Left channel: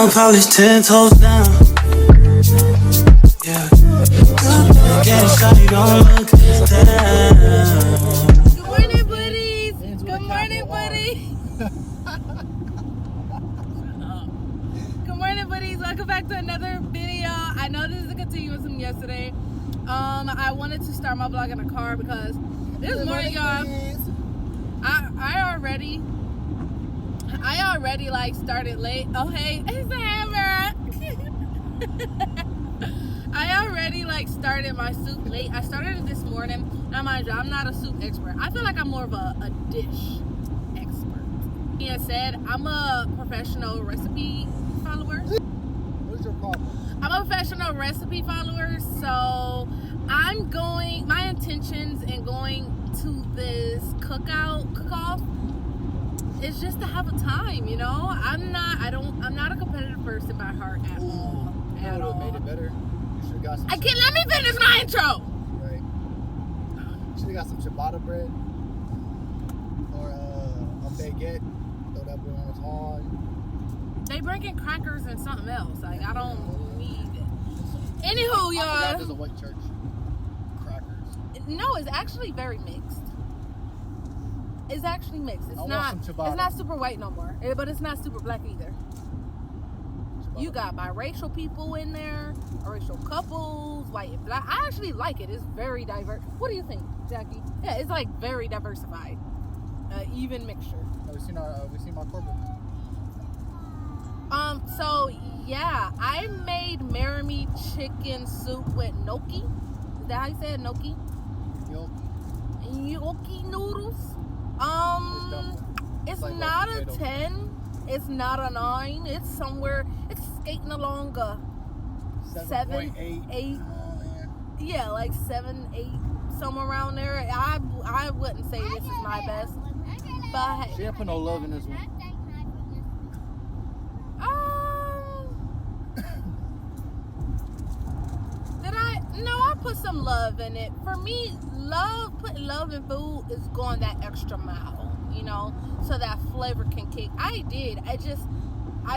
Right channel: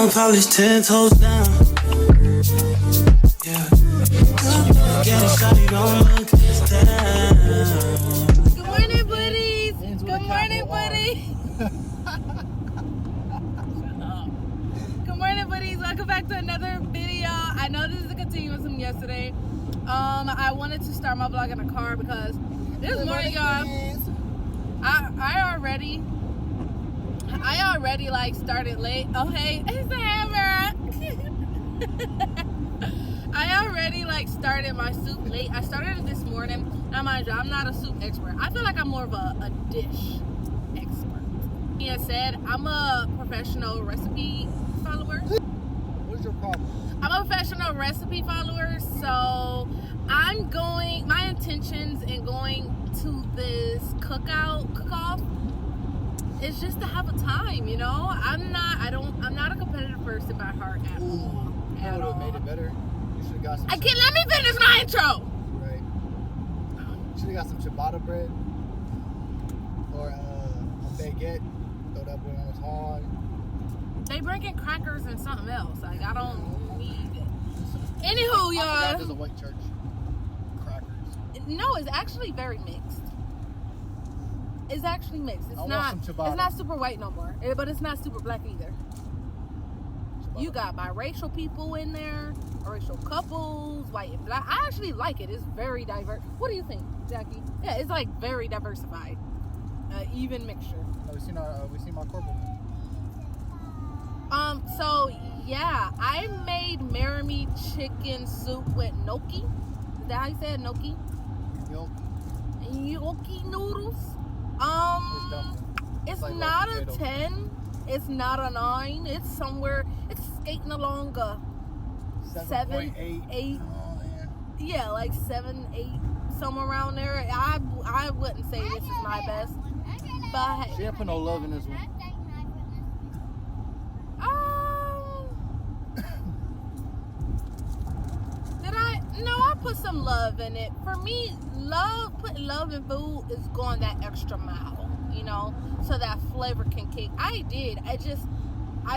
nail polish 10 toes down. Yeah. Get it, shawty, don't look down. Good morning, buddies. Good morning, buddies. Good morning, buddies. Welcome back to another video. I know this is a continuous from yesterday. I wanted to start my vlog in a car because this morning, y'all, I already like started late. Oh hey, it's the hammer. I already like started my soup late. I started it this morning. Now mind you, I'm not a soup expert. I feel like I'm more of a dish expert. He said I'm a professional recipe follower. What's your problem? I'm a professional recipe follower, so my intentions in going to this cook-off is just to have a time, you know? I'm not a competitive person by heart at all. You would have made it better. You should have got some. Let me finish my intro. Right. You should have got some ciabatta bread or a baguette. Throw that boy on his hard. They bringing crackers and something else. Like I don't need it. Anywho, y'all. There's a white church. Crackers. No, it's actually very mixed. It's actually mixed. It's not super white no more, but it's not super black either. Ciabatta. You got biracial people in there, biracial couples, white and black. I actually like it. It's very diverse. What do you think, Jackie? Yeah, it's like very diversified, even mixture. We seen my corporate. So yeah, I made marimi chicken soup with gnocchi. Is that how you say it? Gnocchi? Gnocchi noodles. It's like not a 10. It's not a 9. It's somewhere. It's skating along a 7, 8. Yeah, like 7, 8, somewhere around there. I wouldn't say this is my best, but she didn't put no love in this one. Did I? No, I put some love in it. For me, putting love in food is going that extra mile, you know, so that flavor can kick. I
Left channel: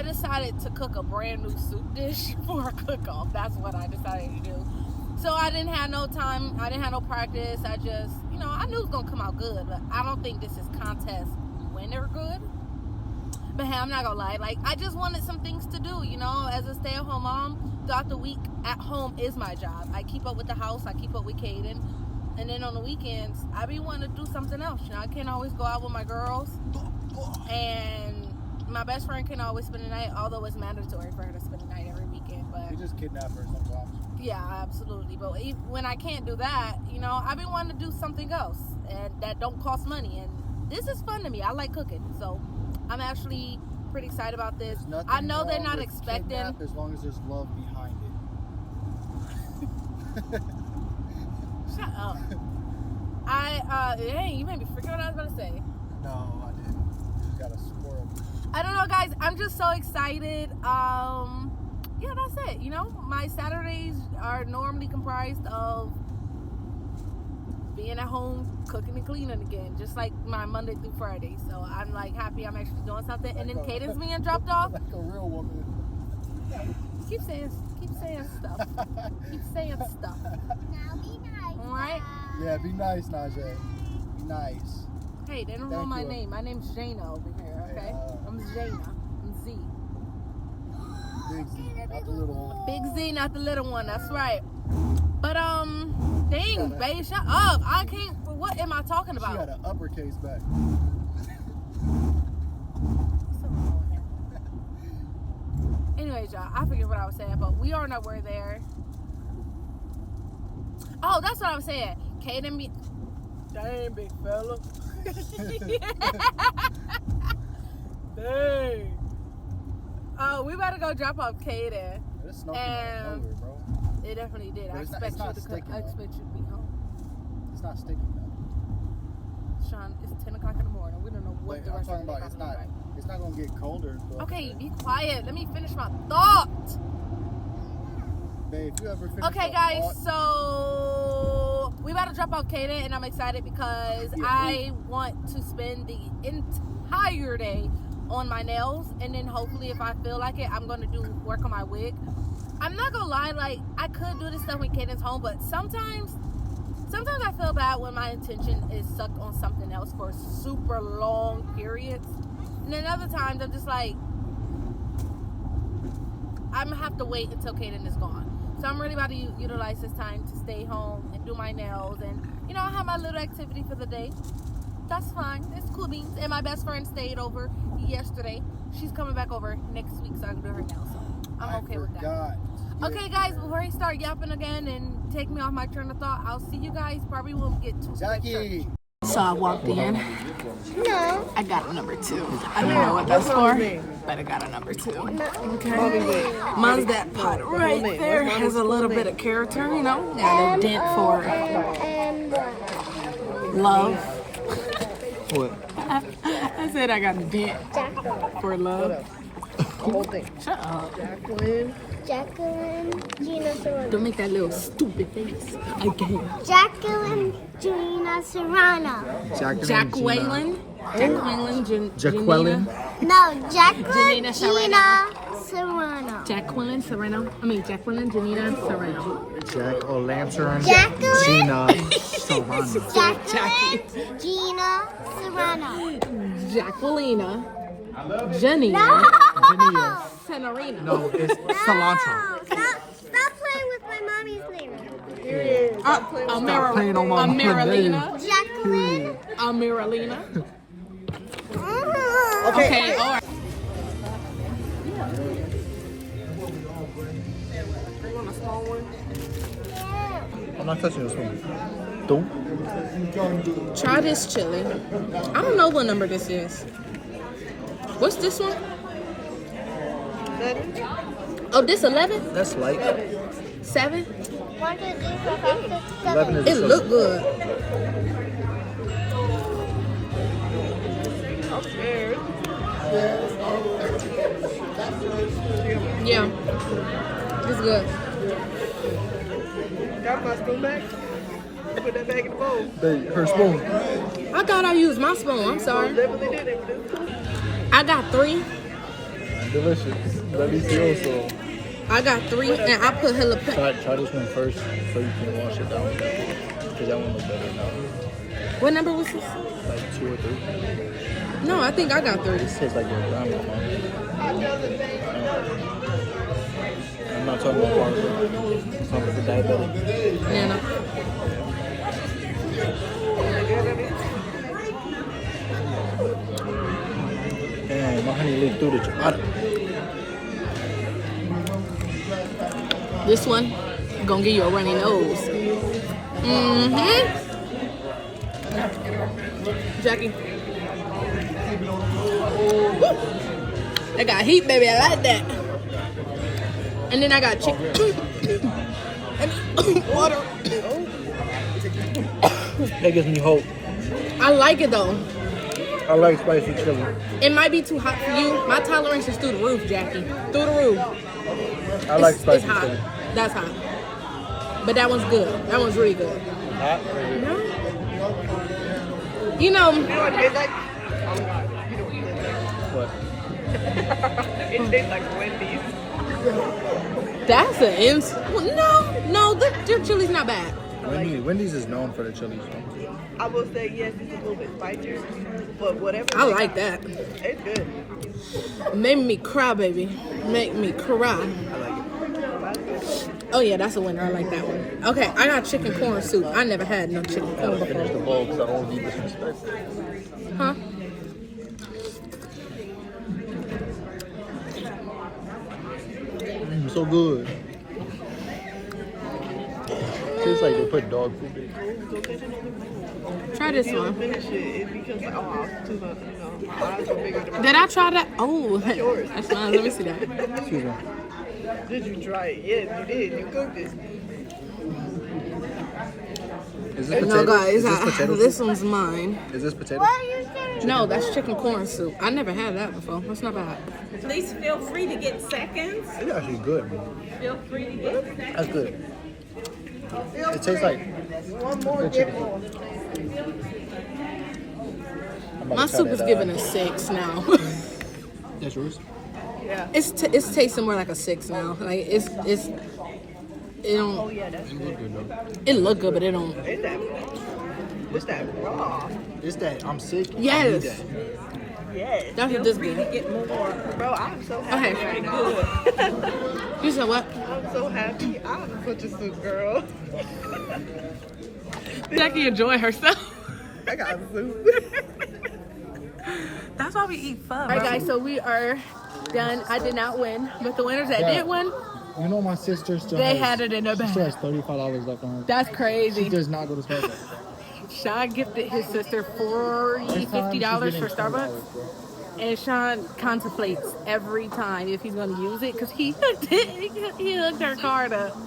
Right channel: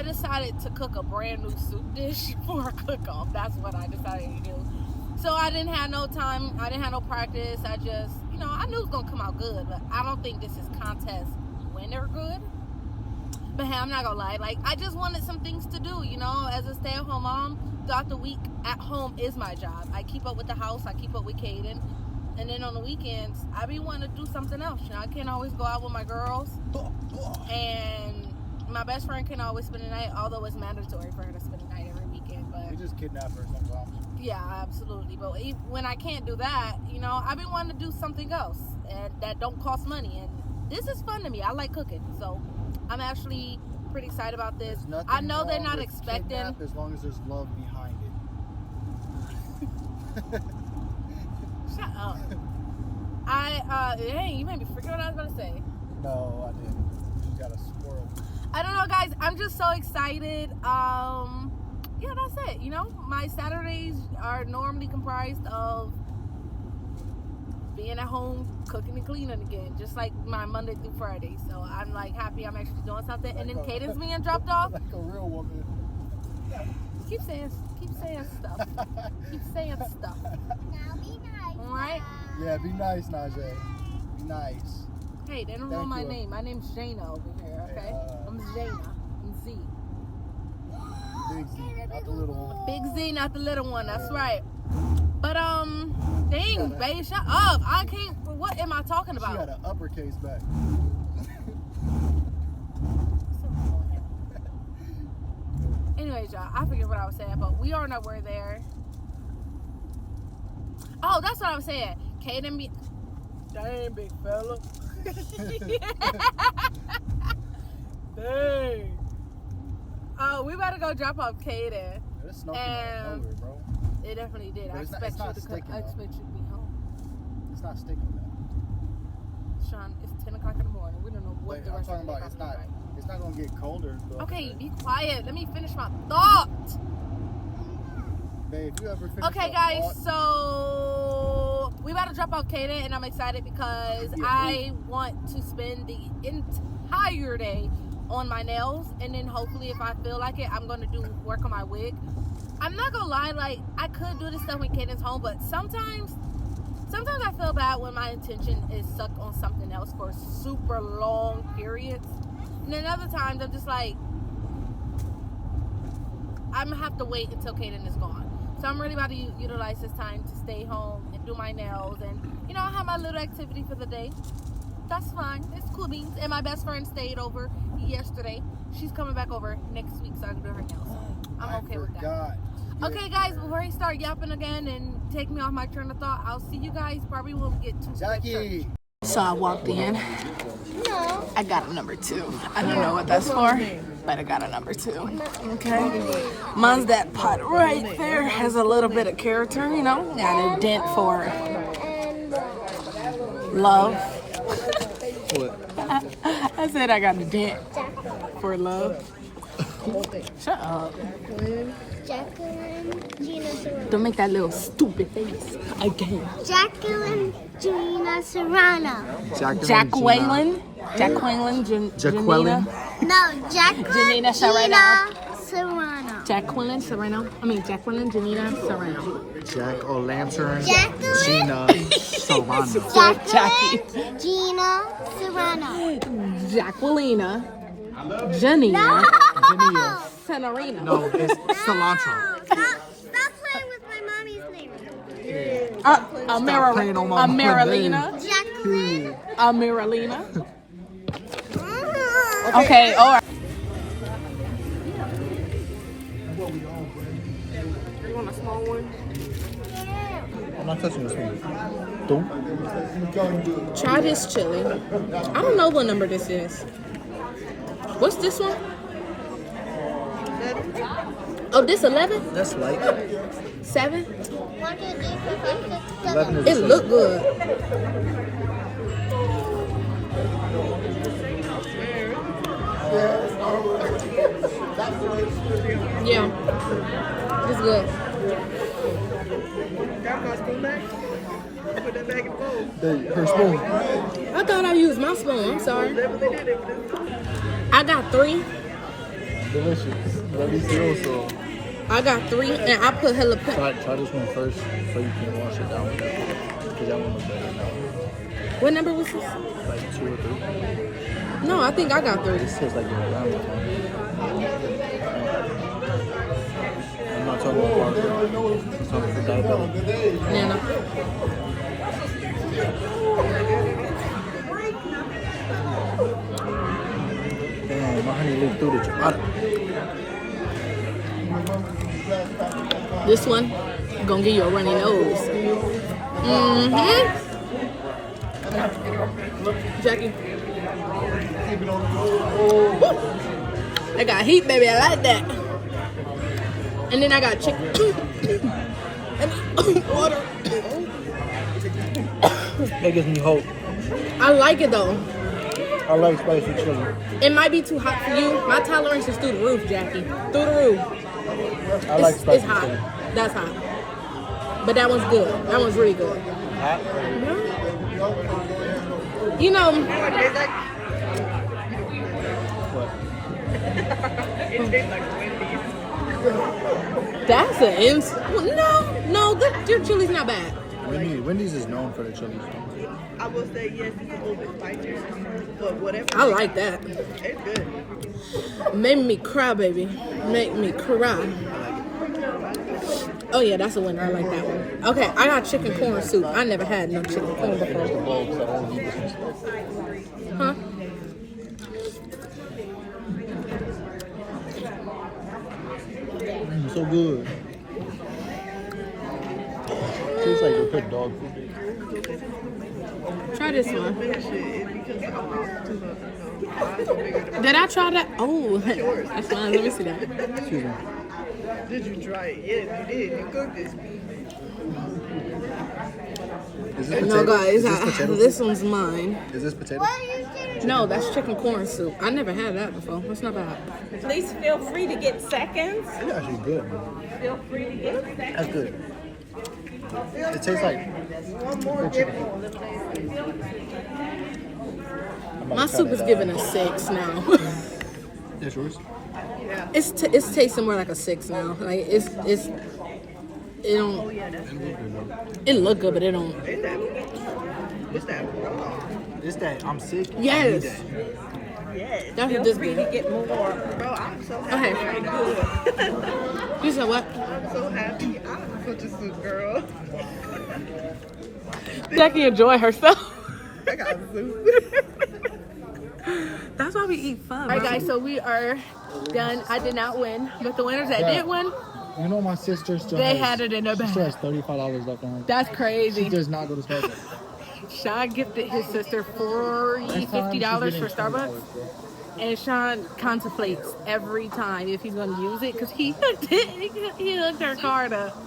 decided to cook a brand new soup dish for a cook-off. That's what I decided to do. So I didn't have no time. I didn't have no practice. I just, you know, I knew it was going to come out good, but I don't think this is contest winner good. But hey, I'm not gonna lie, like I just wanted some things to do, you know, as a stay-at-home mom. Throughout the week at home is my job. I keep up with the house, I keep up with Caden, and then on the weekends I be wanting to do something else. You know, I can't always go out with my girls, and my best friend can always spend the night, although it's mandatory for her to spend the night every weekend. But you just kidnap her sometimes. Yeah, absolutely. But when I can't do that, you know, I've been wanting to do something else and that don't cost money, and this is fun to me. I like cooking, so I'm actually pretty excited about this. I know they're not expecting. As long as there's love behind it. Shut up. Hey, you made me forget what I was going to say. No, I didn't. You got a squirrel. I don't know, guys. I'm just so excited. Yeah, that's it. You know, my Saturdays are normally comprised of being at home, cooking and cleaning again, just like my Monday through Friday. So I'm like happy I'm actually doing something. And then Caden's being dropped off. Like a real woman. Keep saying stuff. Keep saying stuff. Now be nice. All right. Yeah, be nice, Najee. Be nice. Hey, they don't know my name. My name's Jana over here. Okay, I'm Jana. I'm Z. Big Z, not the little one. Big Z, not the little one. That's right. But dang, babe, shut up. I can't. What am I talking about? She had an uppercase back. Anyways, y'all, I forget what I was saying, but we are nowhere there. Oh, that's what I was saying. Caden be. Dang, big fella. Dang. We better go drop off Caden. It snowed out nowhere, bro. It definitely did. But I expect you to be home. It's not sticky though. Sean, it's 10 o'clock in the morning. We don't know what the rest of the day is like. It's not gonna get colder. Okay, be quiet. Let me finish my thought. Babe, if you ever finish okay, guys. So we about to drop off Kaden, and I'm excited because I want to spend the entire day on my nails, and then hopefully if I feel like it, I'm gonna work on my wig. I'm not gonna lie, like I could do this stuff when Caden's home, but sometimes I feel bad when my attention is sucked on something else for super long periods, and then other times I'm just like, I'm gonna have to wait until Caden is gone. So I'm really about to utilize this time to stay home and do my nails, and you know, I have my little activity for the day. That's fine. It's cool beans. And my best friend stayed over yesterday. She's coming back over next week so I can do her nails. So I'm okay with that. Okay, guys, before I start yapping again and take me off my train of thought, I'll see you guys. Probably won't get too Jackie. So I walked in. I got a number 2. I don't know what that's for, but I got a number 2. Okay. Mine's that pot right there. Has a little bit of character, you know. Got a dent for love. I said I got a dent for love. Shut up. Jacqueline Gina Serrano. Don't make that little stupid face again. Jacqueline Gina Serrano. Jacqueline. No, Jacqueline Janina Serrano. Serrano. Jacqueline Janina Serrano. Jack O'Lantern. Jacqueline Gina Serrano. Jacqueline Gina Serrano. Jacquelina. Janina. No! Senorina. No, it's cilantro. Stop playing with my mommy's name. Stop playing on my name. Jacqueline. Amiralina. Oh. Okay, all right. You want a small one? I'm not touching this one. Don't. Try this chili. I don't know what number this is. What's this one? Oh, this 11? That's light. 7? 1, 2, 3, 4, 5, 6, 11 7. is It look good. Yeah, it's good. Got my spoon back? Put that back in the bowl. Her spoon. I thought I used my spoon. I'm sorry. Definitely did it. I got 3. Delicious. Let me see also. I got 3, and I put hella Try this one first so you can wash it down with that. Because that one looks better now. What number was this? Like 2 or 3. No, I think I got 3. This tastes like you're around it, man. I'm not talking about cancer. I'm talking about diabetes. Yeah, no. Damn, my honey leaked through the chipata. This one gonna give you a runny nose. Jackie. Woo! I got heat, baby. I like that. And then I got chicken and water. That gives me hope. I like it though. I like spicy chili. It might be too hot for you. My tolerance is through the roof, Jackie. Through the roof. I like spicy It's hot. chili. That's hot. But that one's good. That one's really good. Hot? You know, What? It tastes like Wendy's. that's an no, your chili's not bad. Wendy's is known for the chili. I will say yes, it's a little bit spicier, but whatever. I like that. It's good. Made me cry, baby. Make me cry. Oh yeah, that's a winner. I like that one. Okay, I got chicken corn soup. I never had no chicken corn before. Huh? So good. Tastes like they put dog food in. Try this You one. finish it because too much, eyes are bigger than Did I try that? Oh, yours. that's fine. Let me see that. Excuse me. Did you try it? Yes, you did. You cooked it. Is this No, potato? guys, Is this potato this soup? one's mine. Is this potato? What are you saying? No, that's chicken corn soup. I never had that before. That's not bad. Please feel free to get seconds. It's actually good. Feel free to get seconds. That's good. It tastes like good chicken. My soup is giving a 6 now. That's yours? Yeah. It's tasting more like a 6 now. Like it don't. Oh yeah, that's good. It look good, but it don't. Is that? What's that? Raw. It's that I'm sick. Yes. Yes. That's Feel what this free is. to get more. Bro, I'm so happy Okay. right now. You said what? I'm so happy. I'm such a sweet girl. Jackie enjoy herself. I got soup. That's why we eat fun. All right, guys. So we are done. I did not win, but the winners that did win, You know my sister still they had it in their She still has bag. $35 left on her. That's She crazy. does not go to Starbucks. Sean gifted his sister $40, Next time, she's $50 getting for Starbucks. $20, bro. And Sean contemplates every time if he's going to use it because he hooked it. He hooked her card up.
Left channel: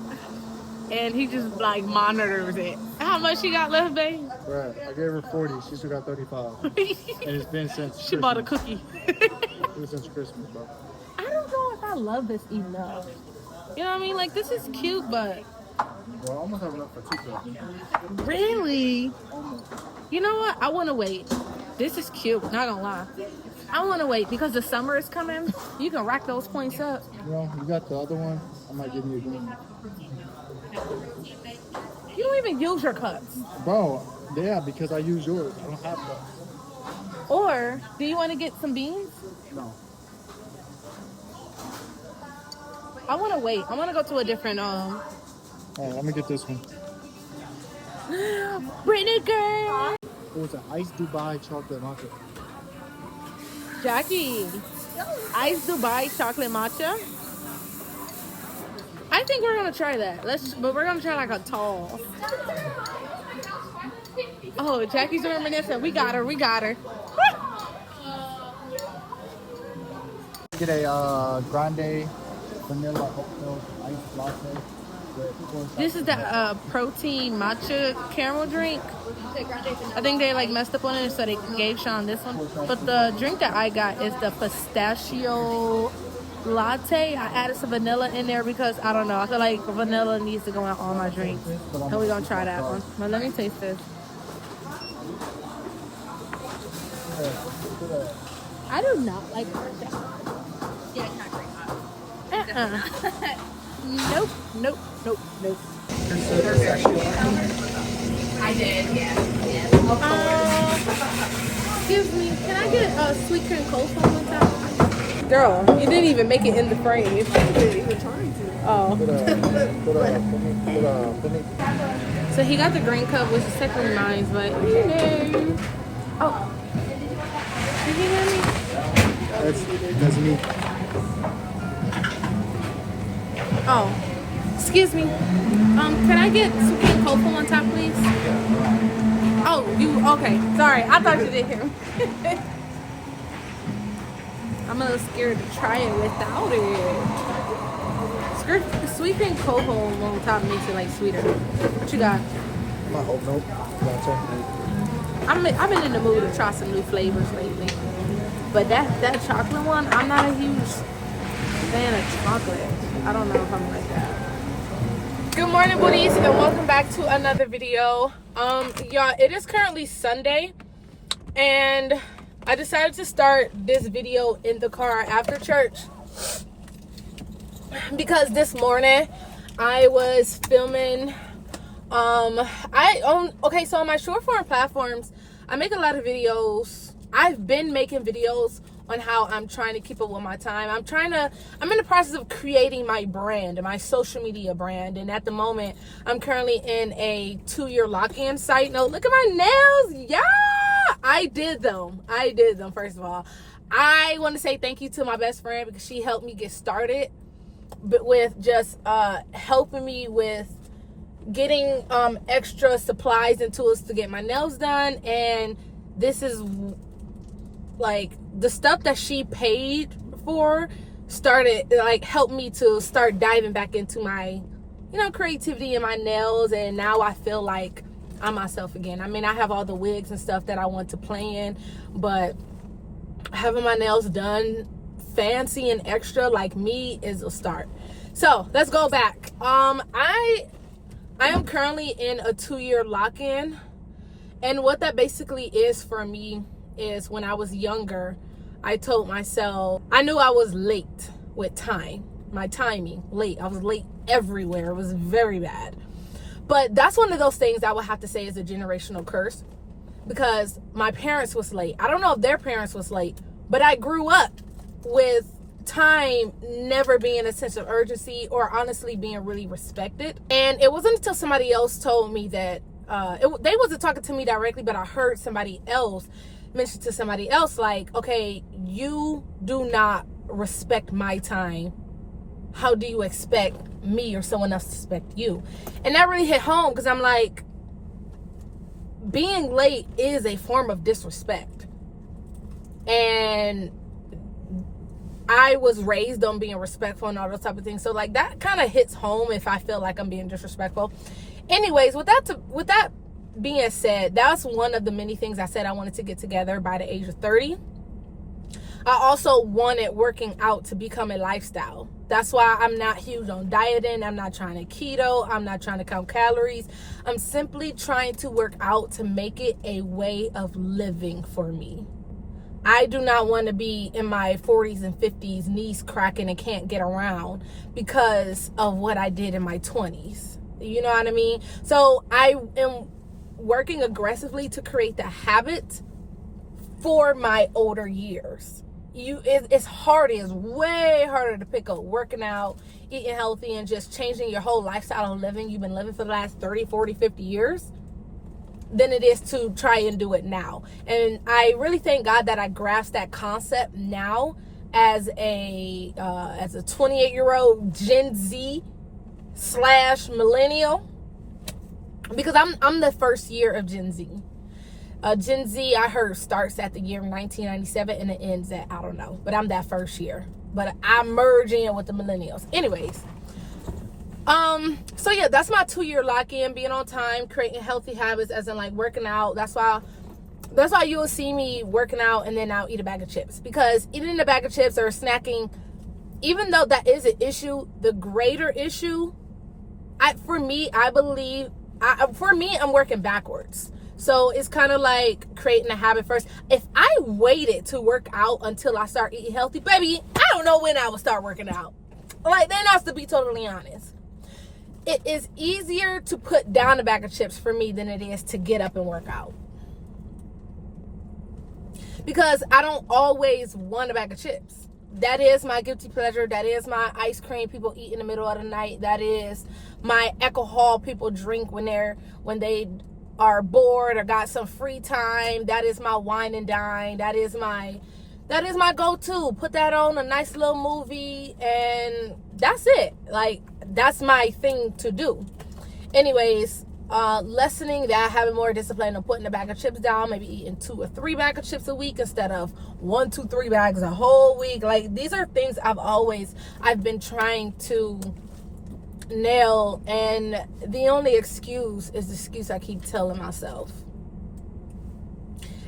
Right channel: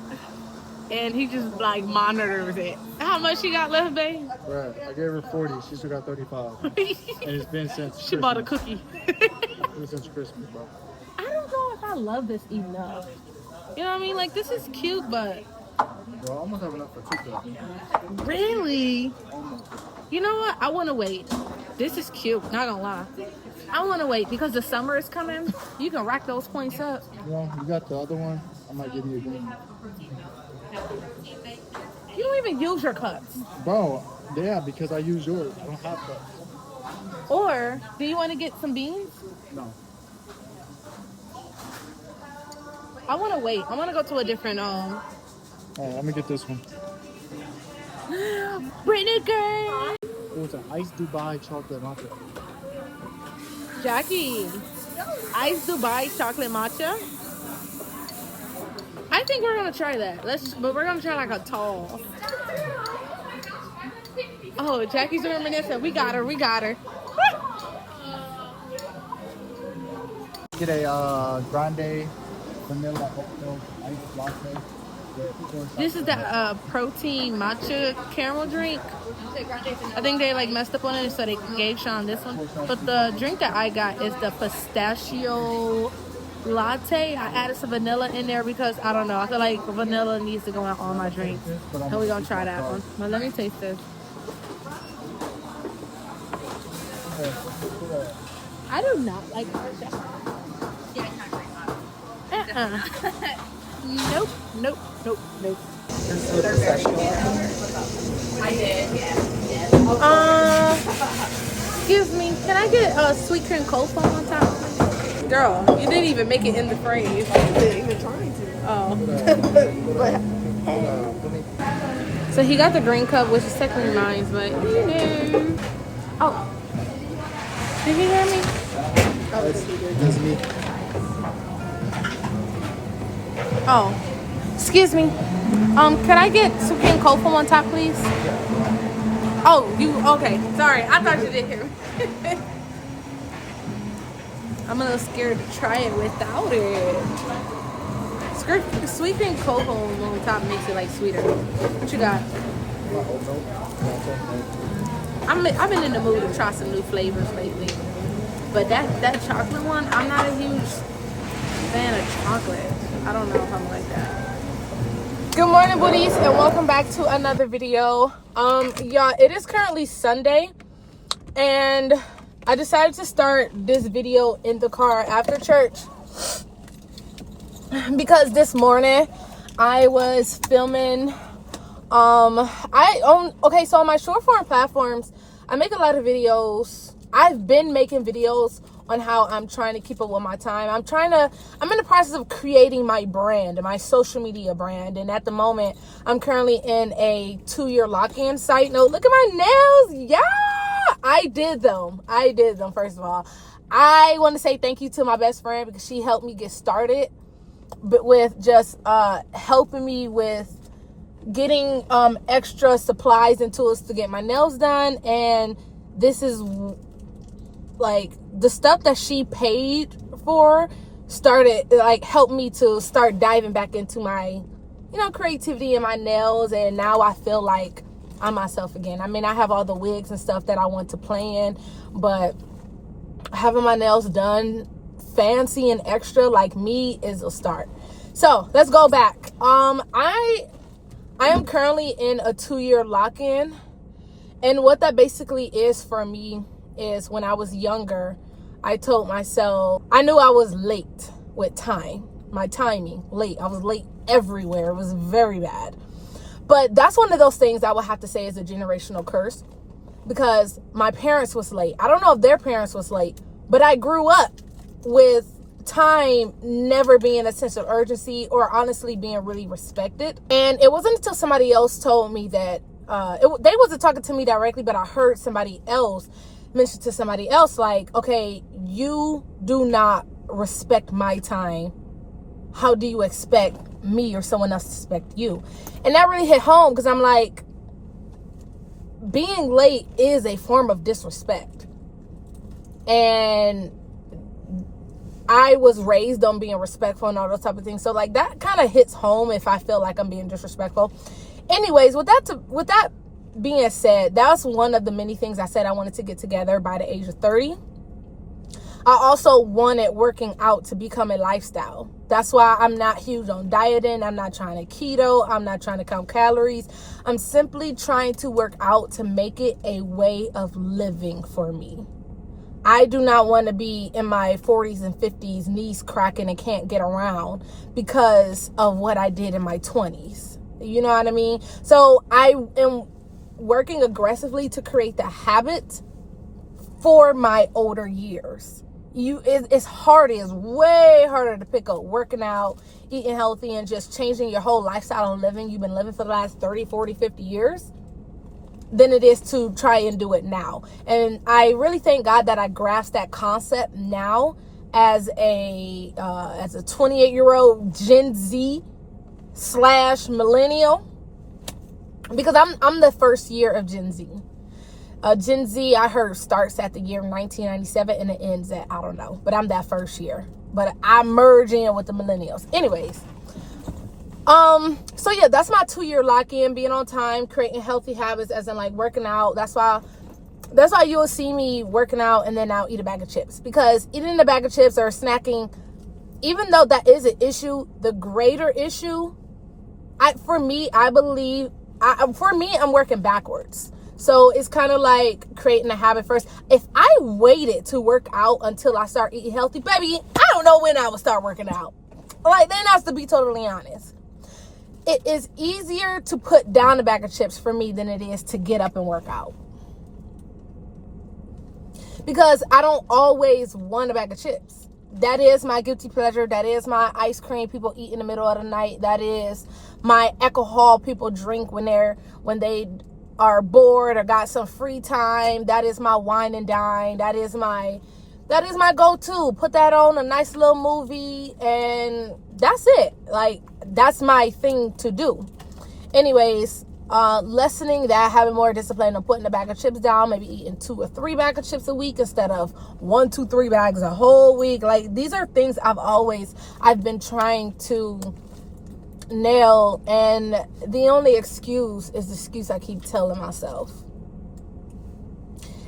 And he just like monitors it. How much she got left, babe? Right. I gave her 40. She still got 35. And it's been since She bought a cookie. It's been since Christmas, bro. I don't know if I love this enough. You know what I mean? Like, this is cute, but Bro, I almost have enough for 2 cups. really? Almost. You know what? I want to wait. This is cute, not gonna lie. I want to wait because the summer is coming. You can rack those points up. You know, you got the other one. I might give you a green. You don't even use your cups. Bro, yeah, because I use yours. I don't have cups. Or do you want to get some beans? No. I want to wait. I want to go to a different All right, let me get this one. Brittany girl. Oh, it's an iced Dubai chocolate matcha. Jackie, iced Dubai chocolate matcha. I think we're gonna try that. But we're gonna try like a tall. Oh, Jackie's reminiscing. We got her. We got her. Get a grande vanilla oat milk iced latte. This is the protein matcha caramel drink. I think they like messed up on it, so they gave Sean this one. But the drink that I got is the pistachio latte. I added some vanilla in there because I don't know. I feel like vanilla needs to go in all my drinks. And we're gonna try that one. But let me taste this. I do not like matcha. Yeah, it's not great. Nope, nope, nope, nope. I did, yeah. Excuse me, can I get a sweet cream cold foam on top? Girl, you didn't even make it in the frame. You didn't even trying to. Oh. So he got the green cup, which is such reminds, but you know. Oh. Did he hear me? That's me. Oh, excuse me. Can I get some cream cold foam on top, please? Oh, you okay? Sorry, I thought you did hear me. I'm a little scared to try it without it. Sweet cream cold foam on top makes it like sweeter. What you got? I've been in the mood to try some new flavors lately, but that chocolate one, I'm not a huge fan of chocolate. I don't know if I'm like that. Good morning, booties, and welcome back to another video. Y'all, it is currently Sunday, and I decided to start this video in the car after church because this morning I was filming. Okay, so on my short form platforms, I make a lot of videos. I've been making videos on how I'm trying to keep up with my time. I'm in the process of creating my brand, my social media brand. And at the moment, I'm currently in a 2-year lock-in site. No, look at my nails. Yeah, I did them, first of all. I want to say thank you to my best friend because she helped me get started, but with just helping me with getting extra supplies and tools to get my nails done. And this is like the stuff that she paid for started like helped me to start diving back into my creativity and my nails, and now I feel like I'm myself again. I mean, I have all the wigs and stuff that I want to play in, but having my nails done fancy and extra like me is a start. So let's go back. I am currently in a 2-year lock-in, and what that basically is for me is when I was younger, I told myself, I knew I was late with time. My timing, late. I was late everywhere. It was very bad. But that's one of those things I would have to say is a generational curse, because my parents was late. I don't know if their parents was late, but I grew up with time never being a sense of urgency or honestly being really respected. And it wasn't until somebody else told me that, they wasn't talking to me directly, but I heard somebody else mention to somebody else, like, okay, you do not respect my time. How do you expect me or someone else to respect you? And that really hit home, because I'm like, being late is a form of disrespect. And I was raised on being respectful and all those type of things. So like that kind of hits home if I feel like I'm being disrespectful. Anyways, with that being said, that's one of the many things I said I wanted to get together by the age of 30. I also wanted working out to become a lifestyle. That's why I'm not huge on dieting. I'm not trying to keto. I'm not trying to count calories. I'm simply trying to work out to make it a way of living for me. I do not want to be in my 40s and 50s, knees cracking and can't get around because of what I did in my 20s. You know what I mean? So I am working aggressively to create the habit for my older years. It's hard. It's way harder to pick up working out, eating healthy, and just changing your whole lifestyle and living you've been living for the last 30, 40, 50 years than it is to try and do it now. And I really thank God that I grasped that concept now as a 28-year-old Gen Z / millennial, because I'm the first year of Gen Z. Gen Z, I heard, starts at the year 1997 and it ends at, I don't know, but I'm that first year. But I merge in with the millennials. Anyways, so yeah, that's my 2-year lock-in, being on time, creating healthy habits, as in like working out. That's why you will see me working out and then I'll eat a bag of chips, because eating a bag of chips or snacking, even though that is an issue, the greater issue, I'm working backwards. So it's kind of like creating a habit first. If I waited to work out until I start eating healthy, baby, I don't know when I would start working out. Like, that has to be totally honest. It is easier to put down a bag of chips for me than it is to get up and work out. Because I don't always want a bag of chips. That is my guilty pleasure. That is my ice cream people eat in the middle of the night. That is my alcohol people drink when they are bored or got some free time. That is my wine and dine. That is my go-to. Put that on, a nice little movie, and that's it. Like, that's my thing to do. Anyways, lessening that, having more discipline of putting a bag of chips down, maybe eating 2 or 3 bags of chips a week instead of 1, 2, 3 bags a whole week. Like, these are things I've been trying to nail, and the only excuse is the excuse I keep telling myself.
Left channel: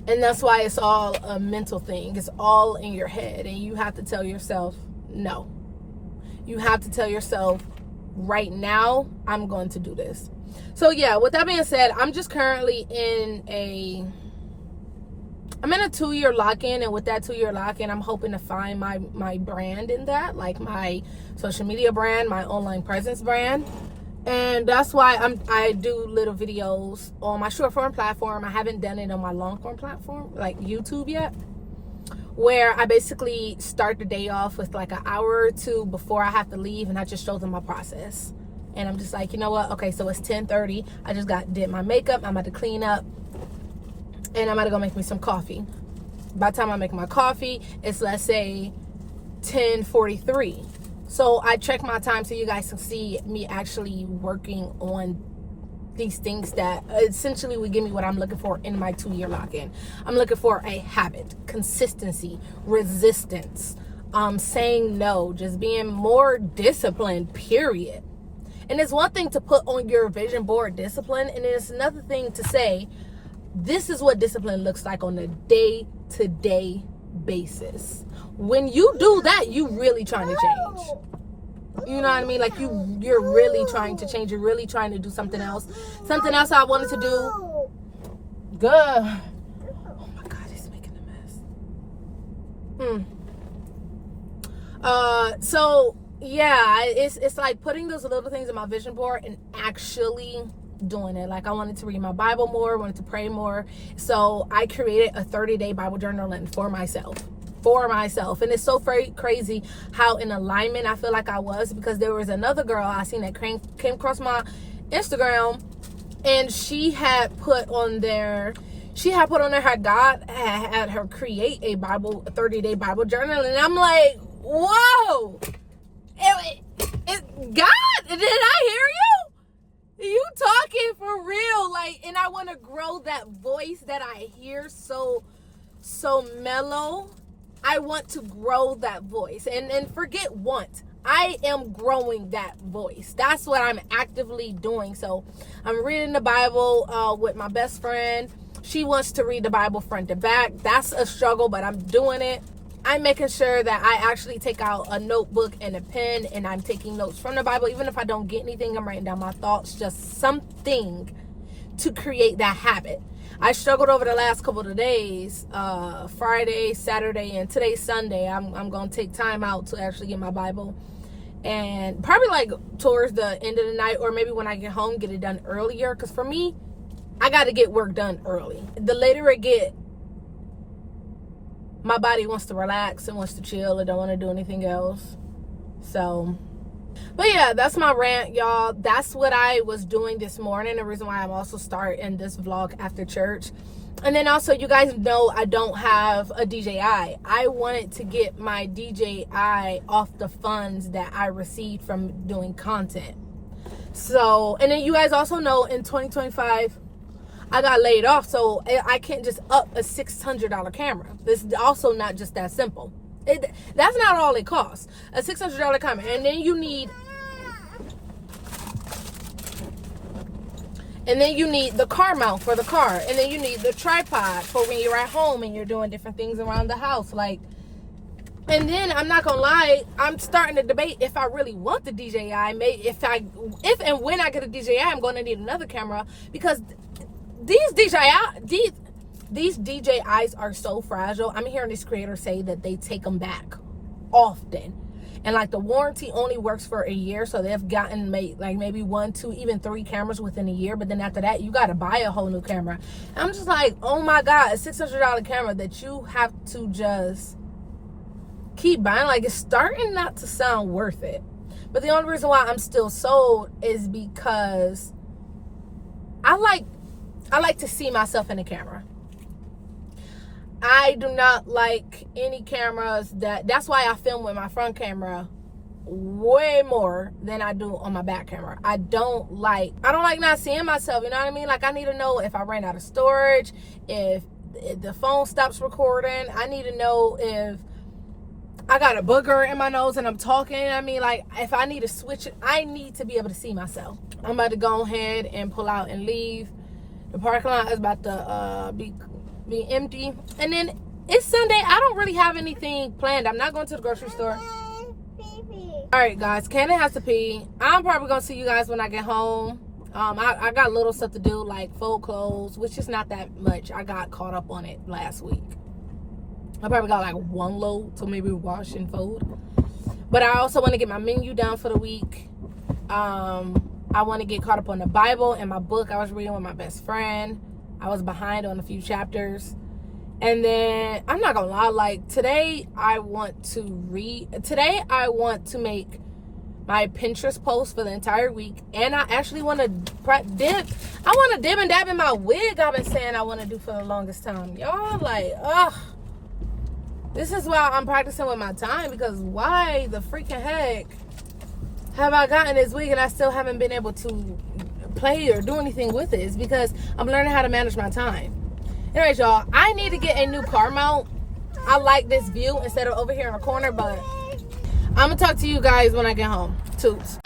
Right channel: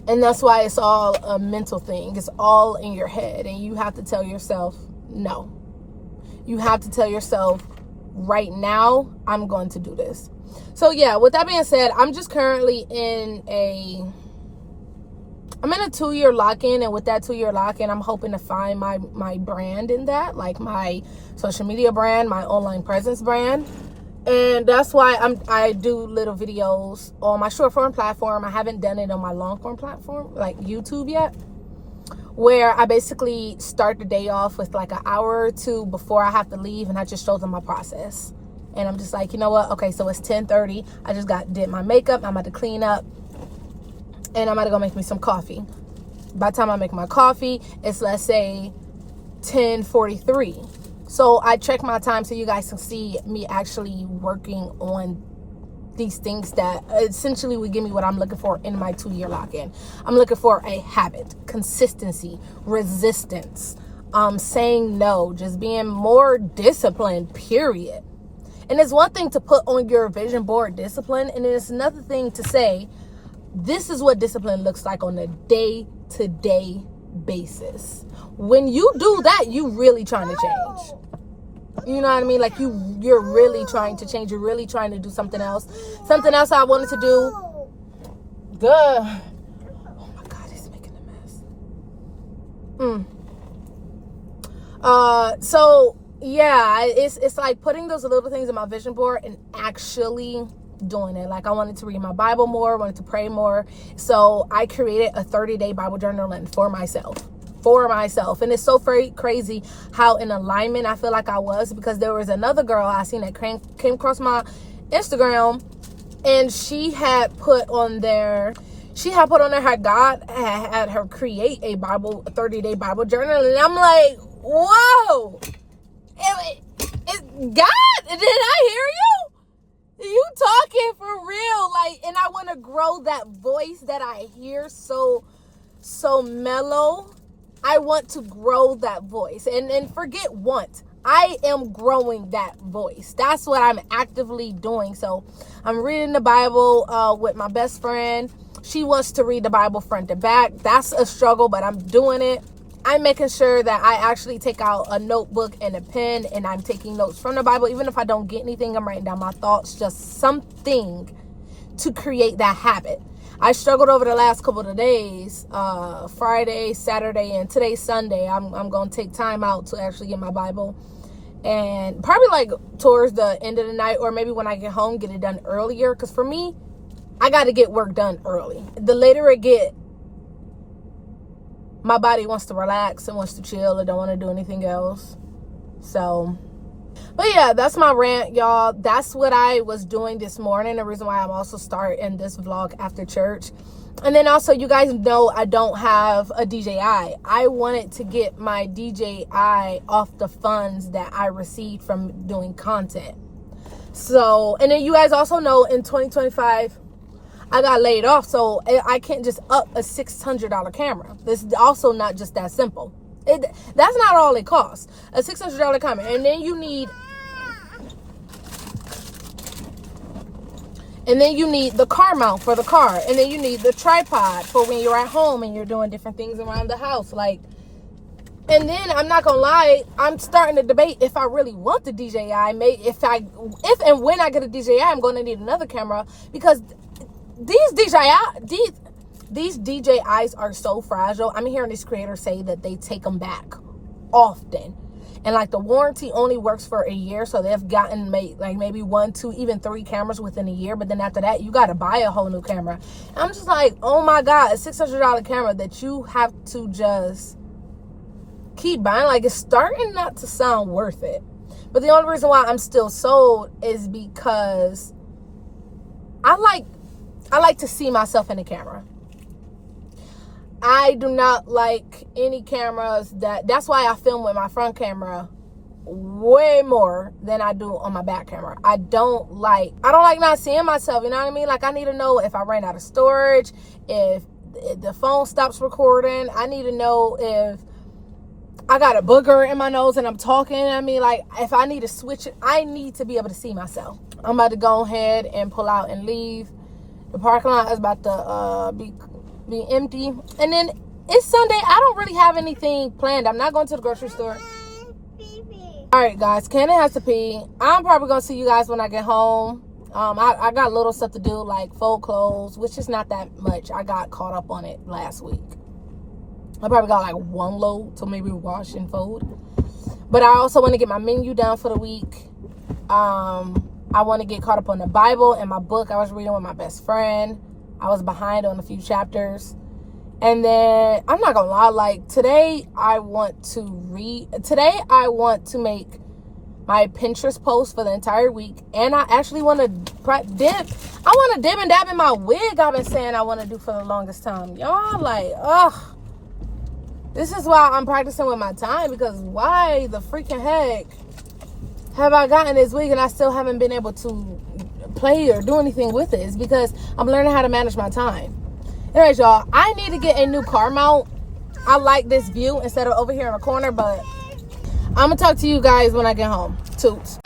And that's why it's all a mental thing. It's all in your head, and you have to tell yourself no. You have to tell yourself, right now I'm going to do this. So yeah, with that being said, I'm just currently in a 2-year lock-in, and with that 2-year lock-in, I'm hoping to find my brand in that, like my social media brand, my online presence brand. And that's why I do little videos on my short form platform. I haven't done it on my long form platform, like YouTube, yet, where I basically start the day off with like an hour or 2 before I have to leave, and I just show them my process. And I'm just like, you know what? Okay, so it's 10:30. I just did my makeup. I'm about to clean up, and I'm about to go make me some coffee. By the time I make my coffee, it's, let's say, 10:43. So I check my time so you guys can see me actually working on these things that essentially would give me what I'm looking for in my 2-year lock-in. I'm looking for a habit, consistency, resistance, saying no, just being more disciplined, period. And it's one thing to put on your vision board discipline, and it's another thing to say, this is what discipline looks like on a day-to-day basis. When you do that, you really trying to change. You know what I mean? Like, you're really trying to change. You're really trying to do something else. Something else I wanted to do. Good. Oh my God, he's making a mess. So yeah, it's like putting those little things in my vision board and actually doing it. Like I wanted to read my Bible more, wanted to pray more. So I created a 30-day Bible journaling for myself. And it's so very crazy how in alignment I feel like I was, because there was another girl I seen that came across my Instagram, and she had put on there how God had her create a 30-day Bible journal. And I'm like, whoa, God, did I hear you? You talking for real? Like, and I want to grow that voice that I hear so mellow. I want to grow that voice, and forget want. I am growing that voice. That's what I'm actively doing. So I'm reading the Bible with my best friend. She wants to read the Bible front to back. That's a struggle, but I'm doing it. I'm making sure that I actually take out a notebook and a pen, and I'm taking notes from the Bible. Even if I don't get anything, I'm writing down my thoughts, just something to create that habit. I struggled over the last couple of days, Friday, Saturday, and today's Sunday. I'm going to take time out to actually get my Bible, and probably like towards the end of the night, or maybe when I get home, get it done earlier. Because for me, I got to get work done early. The later it get, my body wants to relax and wants to chill. I don't want to do anything else. So, but yeah, that's my rant, y'all. That's what I was doing this morning. The reason why I'm also starting this vlog after church. And then also, you guys know I don't have a DJI. I wanted to get my DJI off the funds that I received from doing content. So, and then you guys also know in 2025, I got laid off. So I can't just up a $600 camera. This is also not just that simple. That's not all it costs. A $600 camera. And then you need the car mount for the car. And then you need the tripod for when you're at home and you're doing different things around the house. Like, and then I'm not gonna lie, I'm starting to debate if I really want the DJI. If and when I get a DJI, I'm gonna need another camera, because these DJIs are so fragile. I'm hearing these creators say that they take them back often. And like the warranty only works for a year. So they've gotten maybe 1, 2, even 3 cameras within a year. But then after that, you got to buy a whole new camera. And I'm just like, oh my God, a $600 camera that you have to just keep buying. Like, it's starting not to sound worth it. But the only reason why I'm still sold is because I like to see myself in the camera. I do not like any cameras that's why I film with my front camera way more than I do on my back camera. I don't like not seeing myself, you know what I mean? Like, I need to know if I ran out of storage, if the phone stops recording. I need to know if I got a booger in my nose and I'm talking. I mean, like, if I need to switch it, I need to be able to see myself. I'm about to go ahead and pull out and leave. The parking lot is about to be empty. And then it's Sunday. I don't really have anything planned. I'm not going to the grocery store. All right, guys. Cannon has to pee. I'm probably going to see you guys when I get home. I got little stuff to do, like fold clothes, which is not that much. I got caught up on it last week. I probably got like 1 load to maybe wash and fold. But I also want to get my menu down for the week. I want to get caught up on the Bible and my book I was reading with my best friend. I was behind on a few chapters. And then, I'm not gonna lie, like, today I want to make my Pinterest post for the entire week. And I actually want to dib and dab in my wig I've been saying I want to do for the longest time. Y'all, like, ugh. This is why I'm practicing with my time, because why the freaking heck have I gotten this wig and I still haven't been able to play or do anything with it? It's because I'm learning how to manage my time. Anyways, y'all, I need to get a new car mount. I like this view instead of over here in the corner, but I'm gonna talk to you guys when I get home. Toots.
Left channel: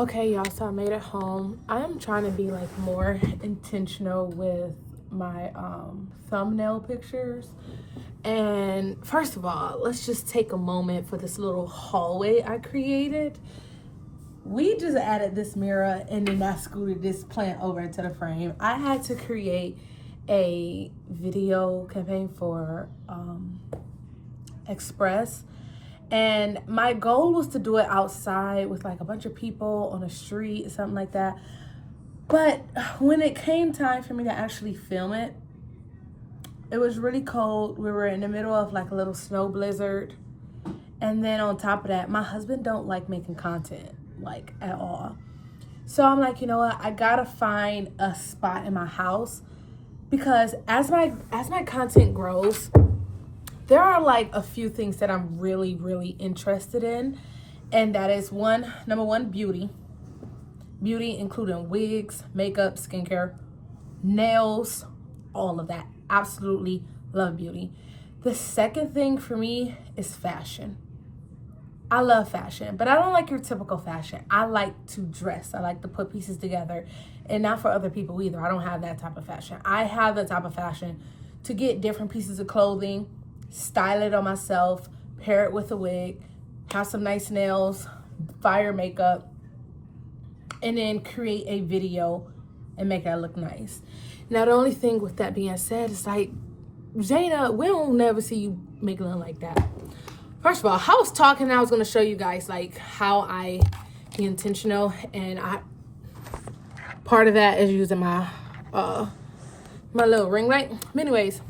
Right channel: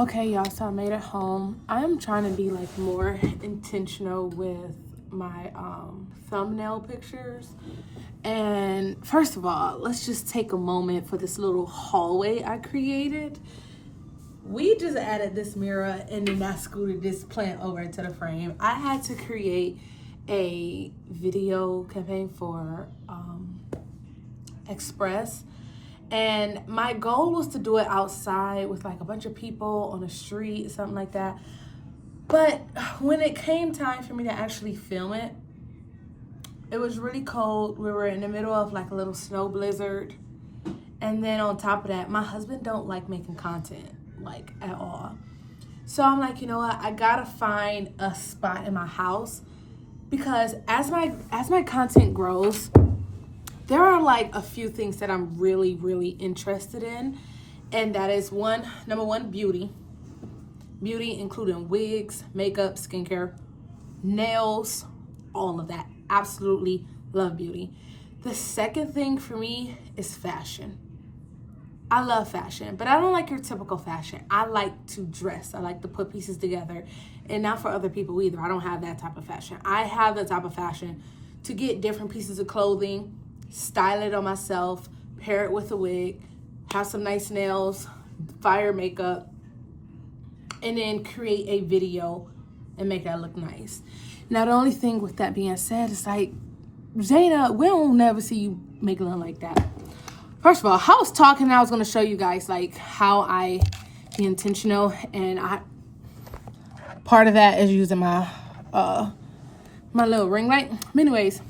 Okay, y'all, so I made it home. I am trying to be like more intentional with my thumbnail pictures. And first of all, let's just take a moment for this little hallway I created. We just added this mirror and then I scooted this plant over into the frame. I had to create a video campaign for Express. And my goal was to do it outside with like a bunch of people on the street, something like that. But when it came time for me to actually film it, it was really cold. We were in the middle of like a little snow blizzard. And then on top of that, my husband don't like making content like at all. So I'm like, you know what? I gotta find a spot in my house because as my content grows, there are like a few things that I'm really, really interested in. And that is number one, beauty. Beauty including wigs, makeup, skincare, nails, all of that. Absolutely love beauty. The second thing for me is fashion. I love fashion, but I don't like your typical fashion. I like to dress. I like to put pieces together, and not for other people either. I don't have that type of fashion. I have the type of fashion to get different pieces of clothing, style it on myself, pair it with a wig, have some nice nails, fire makeup, and then create a video and make that look nice. Now, the only thing with that being said is like, Zena, we don't never see you make nothing like that. First of all, I was talking and I was going to show you guys like how I be intentional, and part of that is using my my little ring light. But anyways,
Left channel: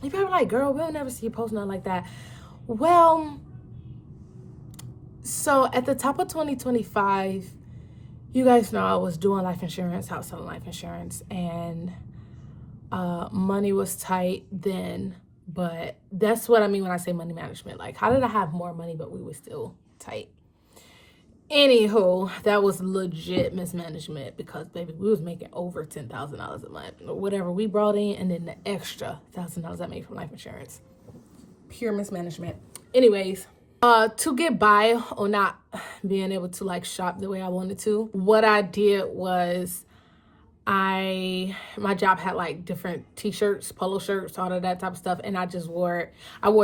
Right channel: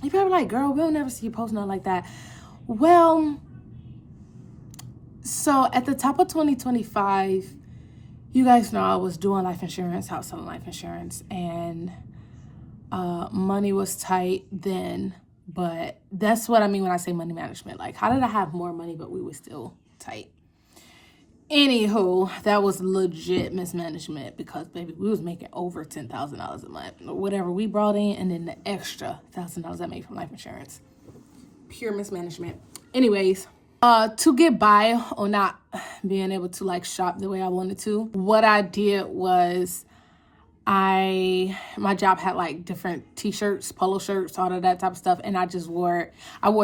you probably like, girl, we don't never see you post nothing like that. Well, so at the top of 2025, you guys know I was doing life insurance, house selling life insurance, and money was tight then. But that's what I mean when I say money management. Like, how did I have more money, but we were still tight? Anywho, that was legit mismanagement because, baby, we was making over $10,000 a month. Whatever we brought in, and then the extra $1,000 I made from life insurance. Pure mismanagement. Anyways, to get by or not being able to, like, shop the way I wanted to, what I did was my job had like different t-shirts, polo shirts, all of that type of stuff, and I wore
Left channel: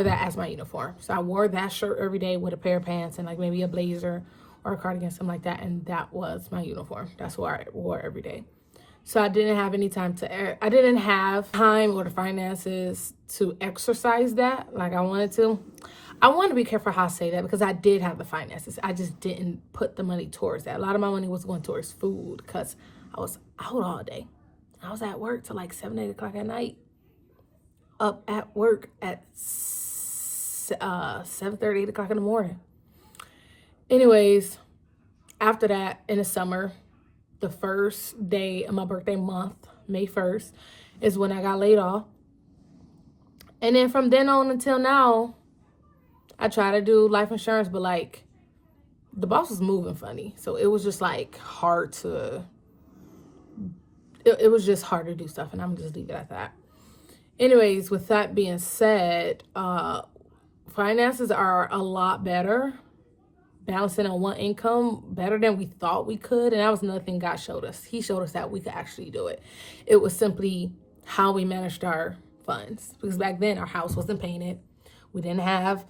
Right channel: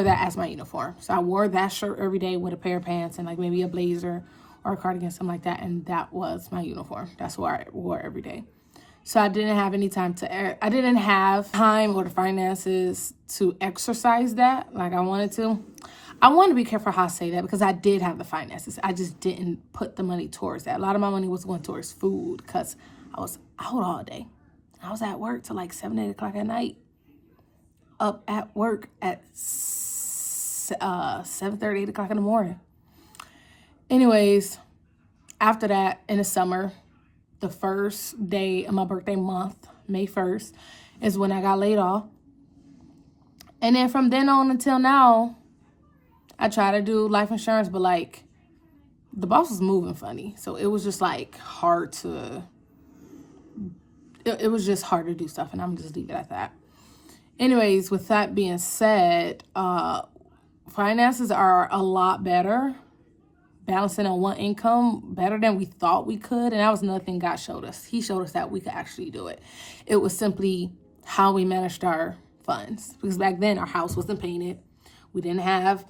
that as my uniform. So I wore that shirt every day with a pair of pants and like maybe a blazer or a cardigan, something like that, and that was my uniform. That's what I wore every day. So I didn't have any time I didn't have time or the finances to exercise that like I wanted to. I want to be careful how I say that because I did have the finances. I just didn't put the money towards that. A lot of my money was going towards food because I was out all day. I was at work till like 7, 8 o'clock at night. Up at work at 7:30, 8 o'clock in the morning. Anyways, after that, in the summer, the first day of my birthday month, May 1st, is when I got laid off. And then from then on until now, I try to do life insurance, but like the boss was moving funny. So it was just like hard to... It was just hard to do stuff, and I'm just leave it at that. Anyways, with that being said, finances are a lot better. Balancing on one income better than we thought we could, and that was another thing God showed us. He showed us that we could actually do it. It was simply how we managed our funds, because back then our house wasn't painted. We didn't have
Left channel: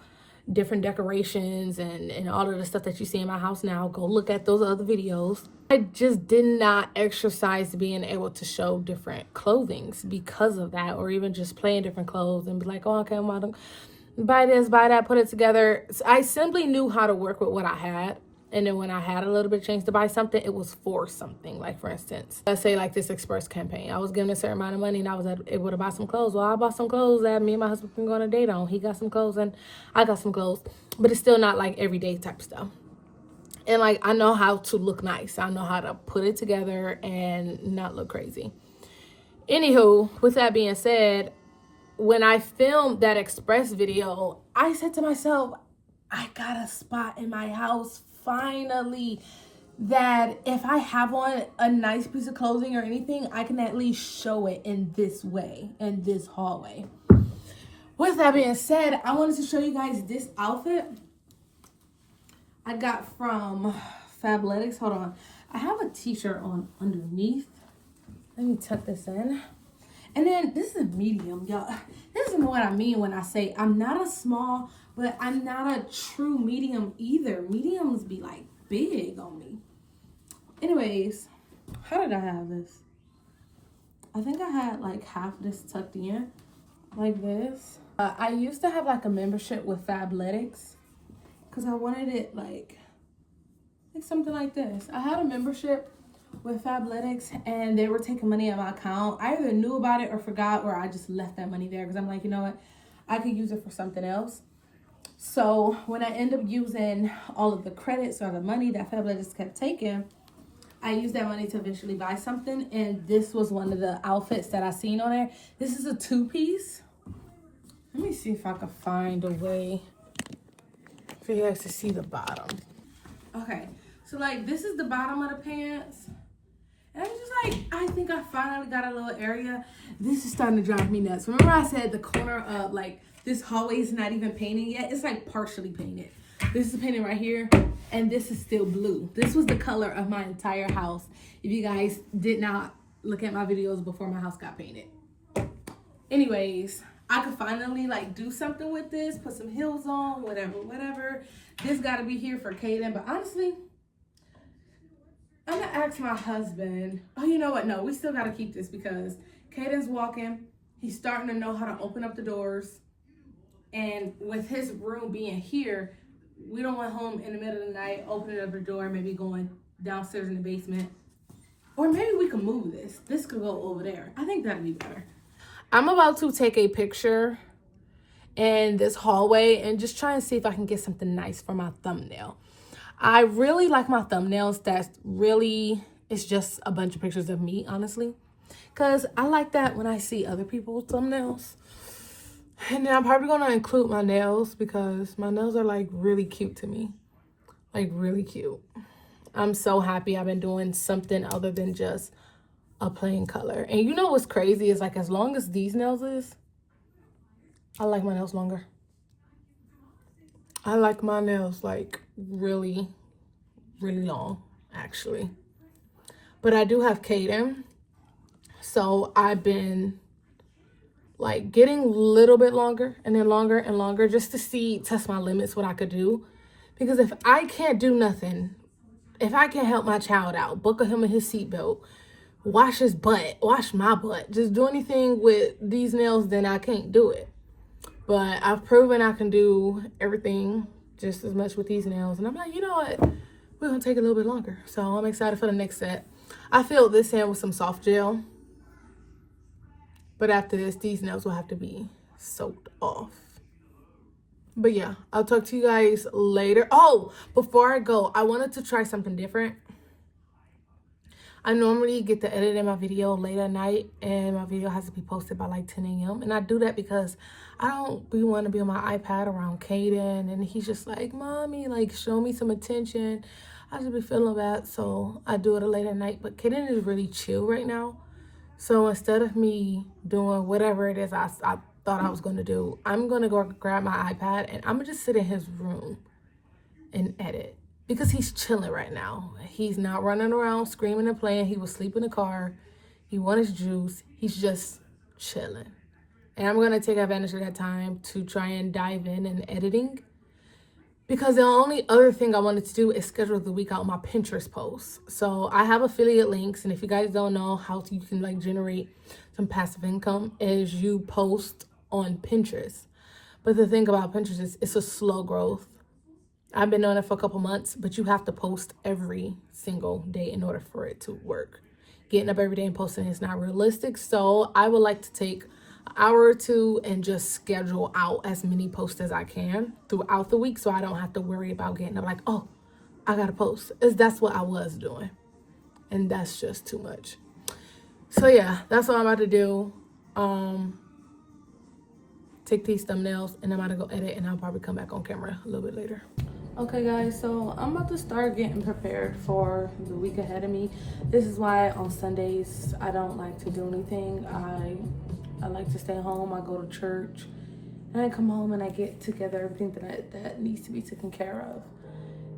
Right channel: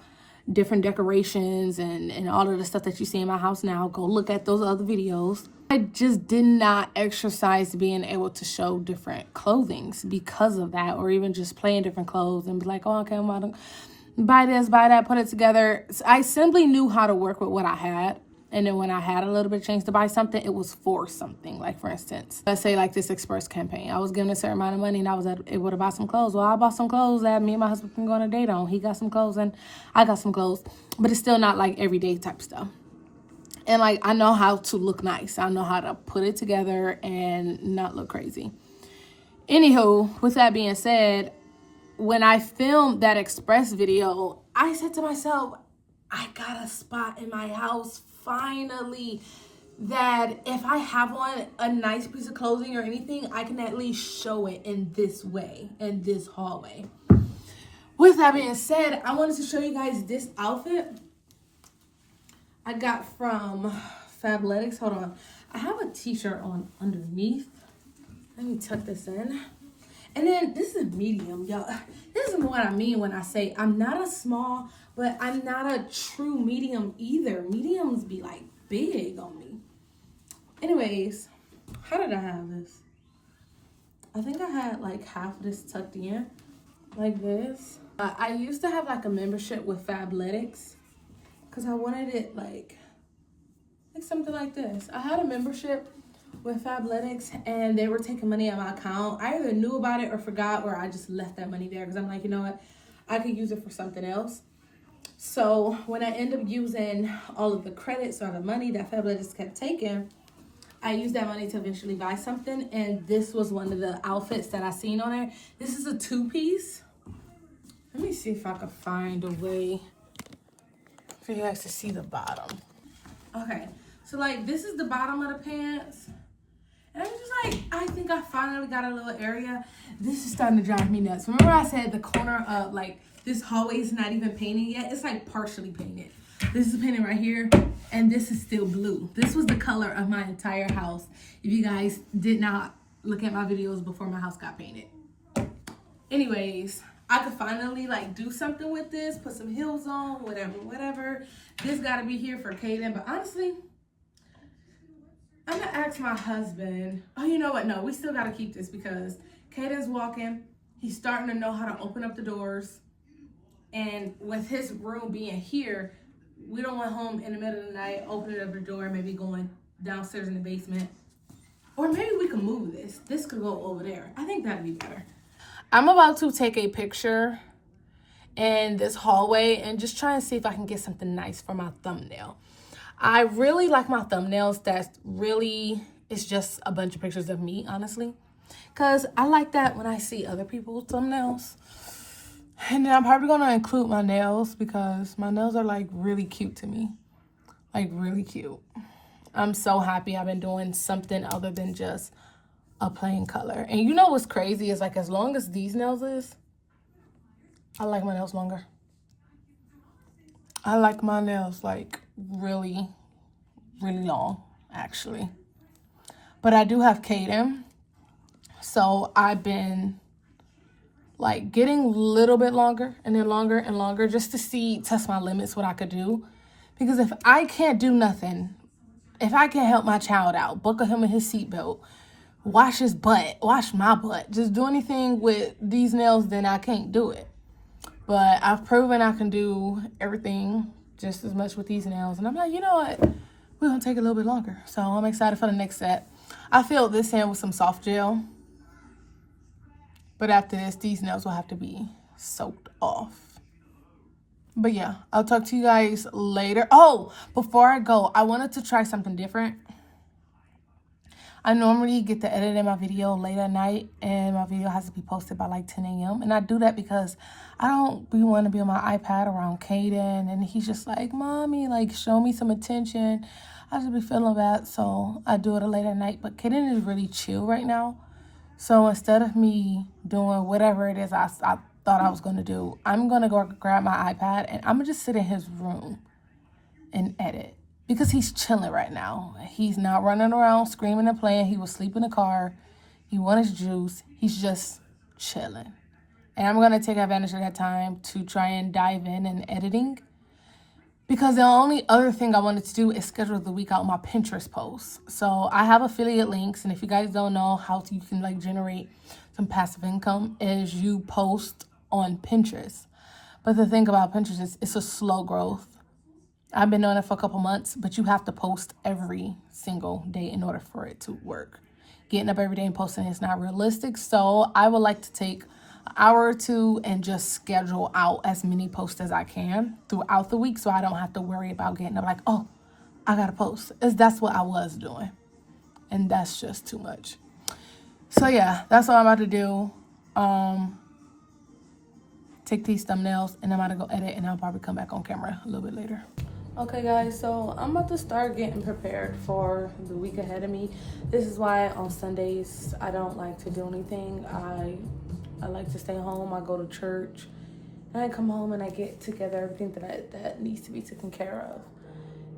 different decorations and all of the stuff that you see in my house now. Go look at those other videos. I just did not exercise being able to show different clothings because of that, or even just play in different clothes and be like, oh, okay, I'm about to buy this, buy that, put it together. I simply knew how to work with what I had. And then when I had a little bit of change to buy something, it was for something. Like, for instance, let's say like this Express campaign. I was given a certain amount of money and I was able to buy some clothes. Well, I bought some clothes that me and my husband can go on a date on. He got some clothes and I got some clothes. But it's still not like everyday type stuff. And like, I know how to look nice. I know how to put it together and not look crazy. Anywho, with that being said, when I filmed that Express video, I said to myself, I got a spot in my house finally that if I have on a nice piece of clothing or anything, I can at least show it in this way, in this hallway. With that being said, I wanted to show you guys this outfit I got from Fabletics. Hold on. I have a t-shirt on underneath. Let me tuck this in. And then this is medium, y'all. This is what I mean when I say I'm not a small, but I'm not a true medium either. Mediums be like big on me. Anyways, how did I have this? I think I had like half of this tucked in like this. I used to have like a membership with Fabletics because I wanted it like something like this. I had a membership with Fabletics and they were taking money out of my account. I either knew about it or forgot, or I just left that money there because I'm like, you know what, I could use it for something else. So when I end up using all of the credits or the money that Fabletics kept taking, I used that money to eventually buy something, and this was one of the outfits that I seen on there. This is a 2-piece. Let me see if I can find a way for you guys to see the bottom. Okay, so like this is the bottom of the pants. And I'm just like, I think I finally got a little area. This is starting to drive me nuts. Remember I said the corner of like this hallway is not even painted yet? It's like partially painted. This is painted right here, and this is still blue. This was the color of my entire house. If you guys did not look at my videos before my house got painted. Anyways, I could finally like do something with this, put some heels on, whatever. This gotta be here for Kaden, but honestly, I'm gonna ask my husband. Oh, you know what? No, we still gotta keep this because Kaden's walking. He's starting to know how to open up the doors. And with his room being here, we don't want home in the middle of the night, opening up the door, maybe going downstairs in the basement. Or maybe we can move this. This could go over there. I think that'd be better. I'm about to take a picture in this hallway and just try and see if I can get something nice for my thumbnail. I really like my thumbnails. It's just a bunch of pictures of me, honestly. Because I like that when I see other people's thumbnails. And then I'm probably going to include my nails because my nails are like really cute to me. Like really cute. I'm so happy I've been doing something other than just a plain color. And you know what's crazy is like as long as these nails is, I like my nails longer. I like my nails like really, really long actually. But I do have Kaden. So I've been like getting a little bit longer and then longer and longer just to test my limits, what I could do. Because if I can't do nothing, if I can't help my child out, buckle him in his seatbelt, wash his butt, wash my butt, just do anything with these nails, then I can't do it. But I've proven I can do everything just as much with these nails. And I'm like, you know what? We're going to take a little bit longer. So I'm excited for the next set. I filled this in with some soft gel. But after this, these nails will have to be soaked off. But yeah, I'll talk to you guys later. Oh, before I go, I wanted to try something different. I normally get to edit my video late at night, and my video has to be posted by like 10 a.m. And I do that because I don't want to be on my iPad around Kaden, and he's just like, Mommy, like, show me some attention. I just be feeling bad, so I do it late at night. But Kaden is really chill right now. So instead of me doing whatever it is I thought I was going to do, I'm going to go grab my iPad and I'm going to just sit in his room and edit. Because he's chilling right now. He's not running around screaming and playing. He will sleep in the car. He wants his juice. He's just chilling. And I'm going to take advantage of that time to try and dive in and editing. Because the only other thing I wanted to do is schedule the week out my Pinterest posts. So I have affiliate links. And if you guys don't know how you can like generate some passive income, is you post on Pinterest. But the thing about Pinterest is it's a slow growth. I've been doing it for a couple months, but you have to post every single day in order for it to work. Getting up every day and posting is not realistic. So I would like to take an hour or two and just schedule out as many posts as I can throughout the week so I don't have to worry about getting up like, oh, I got to post. That's what I was doing. And that's just too much. So yeah, that's what I'm about to do. Take these thumbnails and I'm about to go edit, and I'll probably come back on camera a little bit later. Okay guys, so I'm about to start getting prepared for the week ahead of me. This is why on Sundays I don't like to do anything. I like to stay home. I go to church and I come home and I get together everything that needs to be taken care of.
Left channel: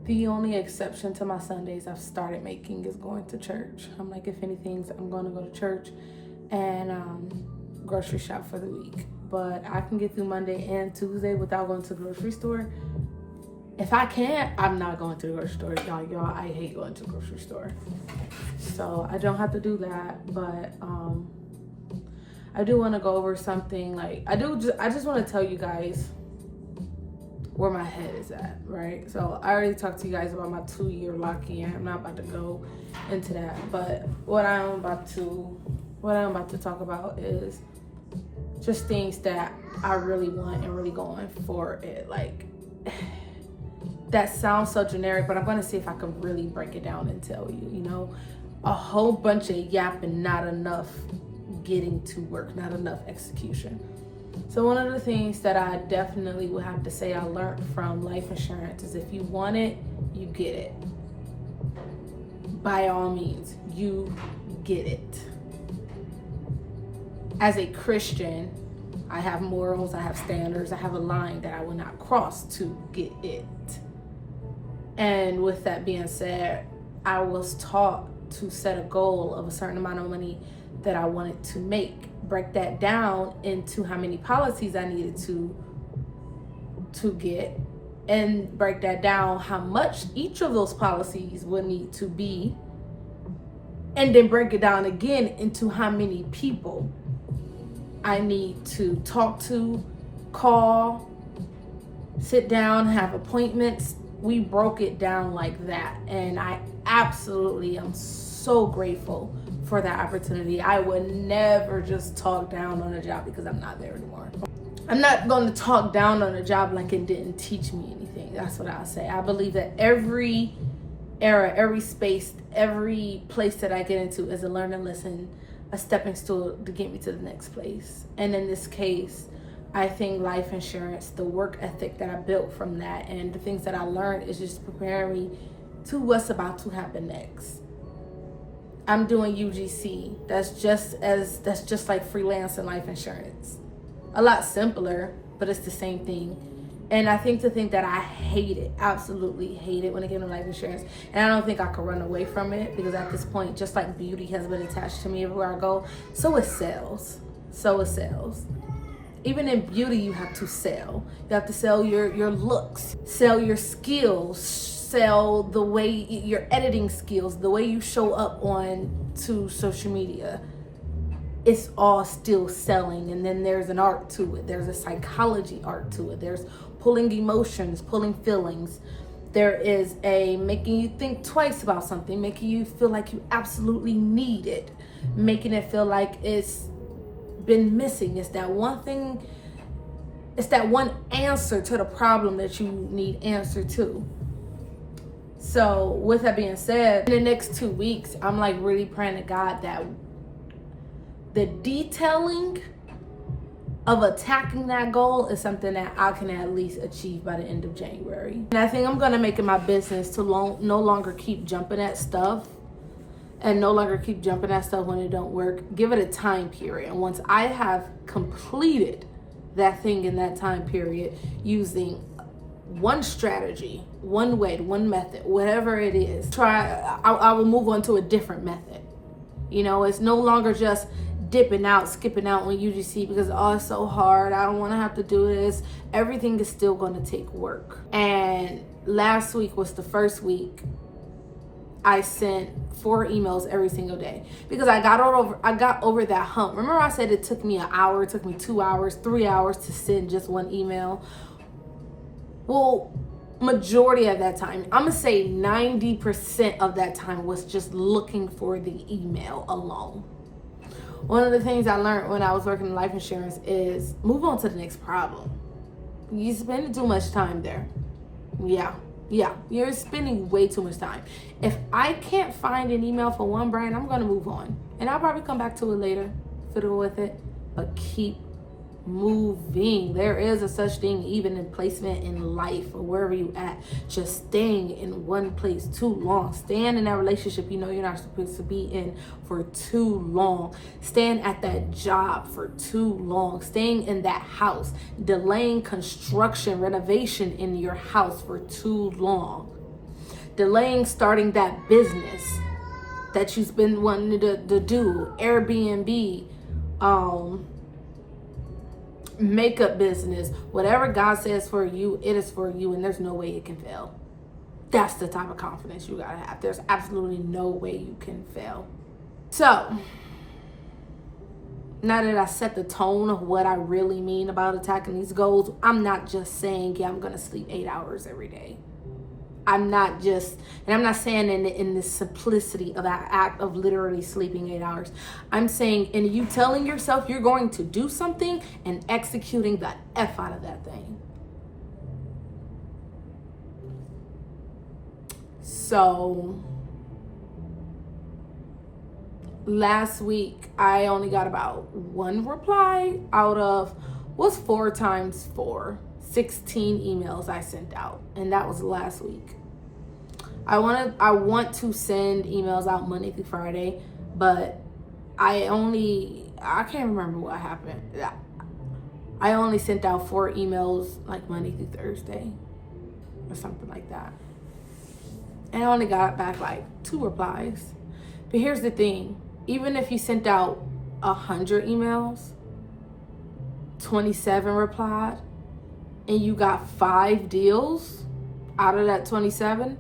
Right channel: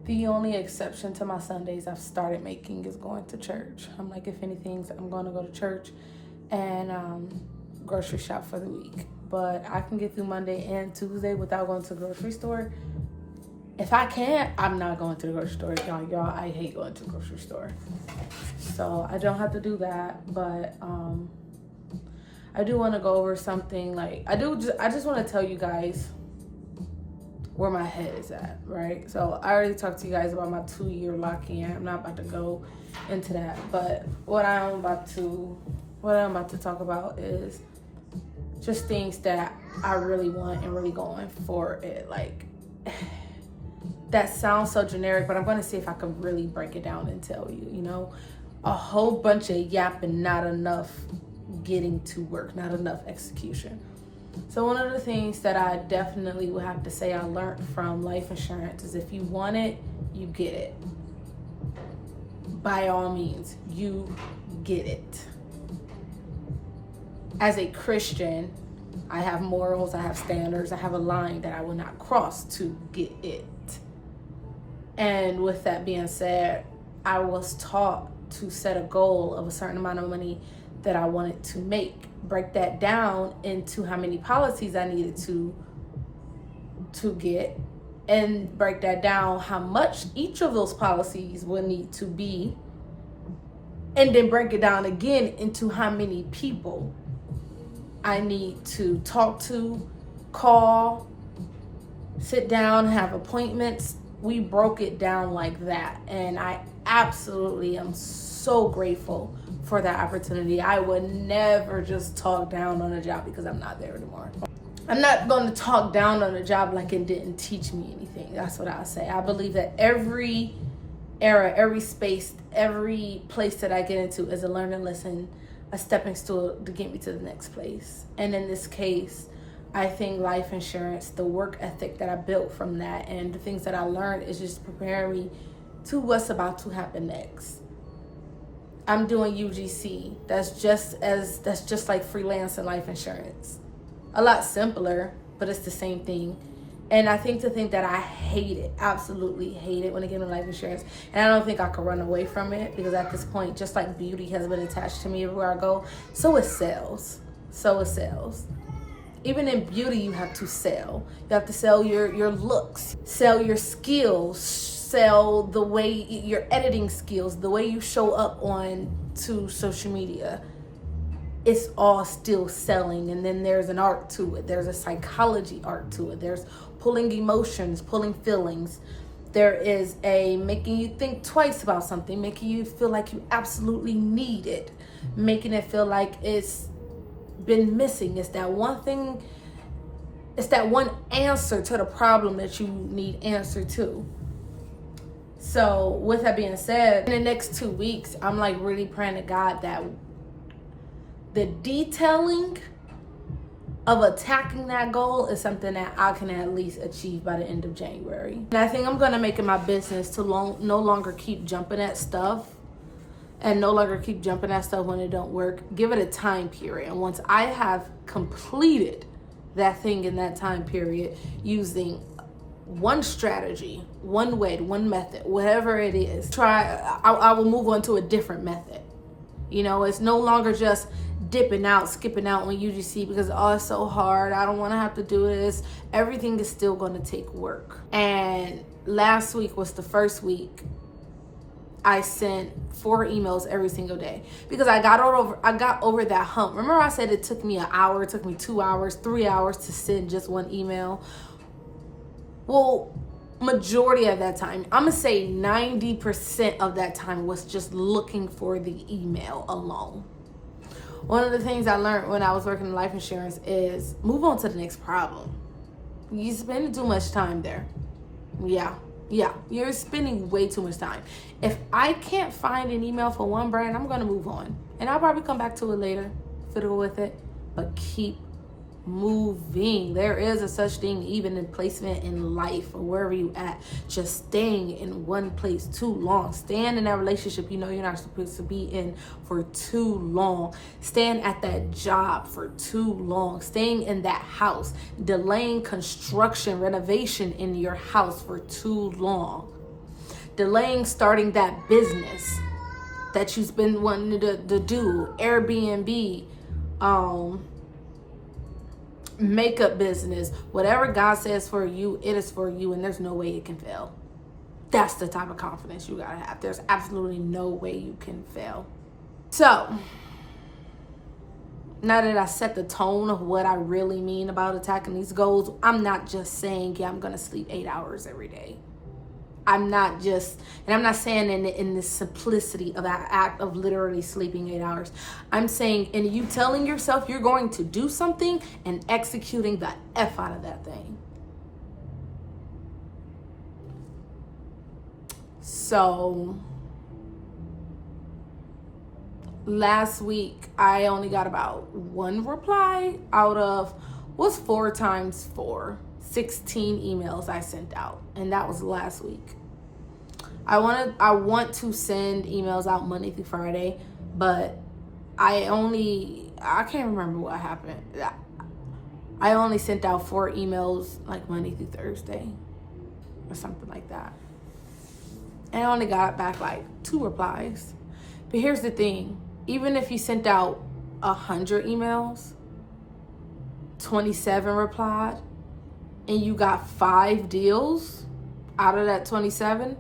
The only exception to my Sundays I've started making is going to church. I'm like, if anything, I'm going to go to church and grocery shop for the week. But I can get through Monday and Tuesday without going to the grocery store. If I can't, I'm not going to the grocery store. Y'all, I hate going to the grocery store. So I don't have to do that, but I do want to go over something. Like, I just want to tell you guys where my head is at, right? So I already talked to you guys about my 2-year lock-in. I'm not about to go into that, but what I'm about to talk about is just things that I really want and really going for it. Like, that sounds so generic, but I'm going to see if I can really break it down and tell you, you know, a whole bunch of yapping, not enough getting to work, not enough execution. So one of the things that I definitely would have to say I learned from life insurance is if you want it, you get it. By all means, you get it. As a Christian, I have morals, I have standards, I have a line that I will not cross to get it. And with that being said, I was taught to set a goal of a certain amount of money that I wanted to make. Break that down into how many policies I needed to get, and break that down how much each of those policies would need to be, and then break it down again into how many people I need to talk to, call, sit down, have appointments. We broke it down like that, and I absolutely am so grateful for that opportunity. I would never just talk down on a job because I'm not there anymore. I'm not going to talk down on a job like it didn't teach me anything. That's what I'll say. I believe that every era, every space, every place that I get into is a learning lesson, a stepping stool to get me to the next place. And in this case, I think life insurance, the work ethic that I built from that and the things that I learned is just preparing me to what's about to happen next. I'm doing UGC. That's just like freelance and life insurance. A lot simpler, but it's the same thing. And I think that I hate it, absolutely hate it when it came to life insurance. And I don't think I could run away from it because at this point, just like beauty has been attached to me everywhere I go, so is sales. So is sales. Even in beauty, you have to sell. You have to sell your looks, sell your skills, sell the way your editing skills, the way you show up on to social media. It's all still selling. And then there's an art to it. There's a psychology art to it. There's pulling emotions, pulling feelings. There is a making you think twice about something, making you feel like you absolutely need it, making it feel like it's been missing. It's that one thing, it's that one answer to the problem that you need answer to. So with that being said, in the next 2 weeks, I'm like really praying to God that the detailing of attacking that goal is something that I can at least achieve by the end of January. And I think I'm gonna make it my business to no longer keep jumping at stuff and no longer keep jumping at stuff when it don't work. Give it a time period. And once I have completed that thing in that time period using one strategy, one way, one method, whatever it is, I will move on to a different method. You know, it's no longer just dipping out, skipping out on UGC because, oh, it's so hard, I don't want to have to do this. Everything is still going to take work. And last week was the first week I sent 4 emails every single day because I got over that hump. Remember I said it took me an hour, it took me 2 hours, 3 hours to send just one email? Well, majority of that time, I'm gonna say 90% of that time was just looking for the email alone. One of the things I learned when I was working in life insurance is move on to the next problem. You spend too much time there. Yeah, you're spending way too much time. If I can't find an email for one brand, I'm gonna move on. And I'll probably come back to it later, fiddle with it, but keep moving. There is a such thing even in placement in life or wherever you at, just staying in one place too long, staying in that relationship you know you're not supposed to be in for too long, staying at that job for too long, staying in that house, delaying construction, renovation in your house for too long. delaying starting that business that you've been wanting to do, Airbnb, makeup business, whatever God says for you, it is for you, and there's no way it can fail. That's the type of confidence you gotta have. There's absolutely no way you can fail. So, now that I set the tone of what I really mean about attacking these goals, I'm not just saying, yeah, I'm gonna sleep 8 hours every day. I'm not saying in the simplicity of that act of literally sleeping 8 hours. I'm saying in you telling yourself you're going to do something and executing the F out of that thing. So last week, I only got about 1 reply out of what's 4 times 4? 16 emails I sent out, and that was last week. I want to send emails out Monday through Friday, but I can't remember what happened. I only sent out 4 emails like Monday through Thursday or something like that. And I only got back like 2 replies. But here's the thing, even if you sent out 100 emails, 27 replied, and you got 5 deals out of that 27,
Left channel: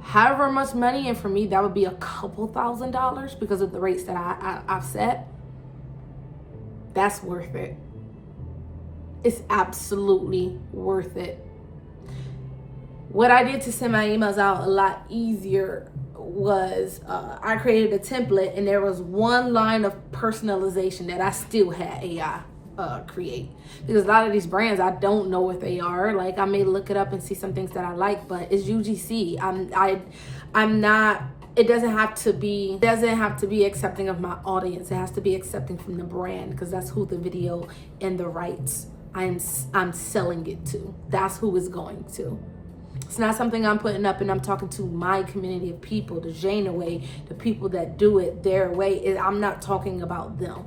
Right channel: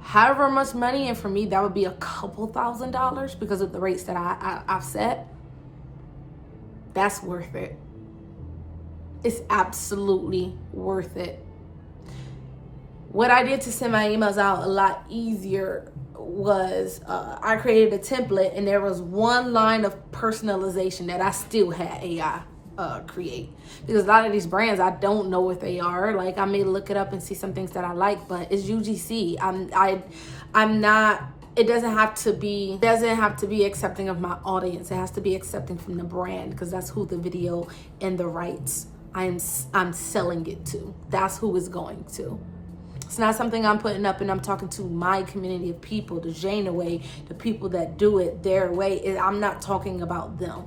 however much money, and for me that would be a couple $1,000s because of the rates that I've set, that's worth it. It's absolutely worth it. What I did to send my emails out a lot easier was I created a template, and there was 1 line of personalization that I still had AI create, because a lot of these brands, I don't know what they are. Like, I may look it up and see some things that I like, but it's UGC. I'm not, it doesn't have to be accepting of my audience. It has to be accepting from the brand, because that's who the video and the rights I'm selling it to. That's who it's going to. It's not something I'm putting up and I'm talking to my community of people, the TheZenaWay, the people that do it their way. I'm not talking about them.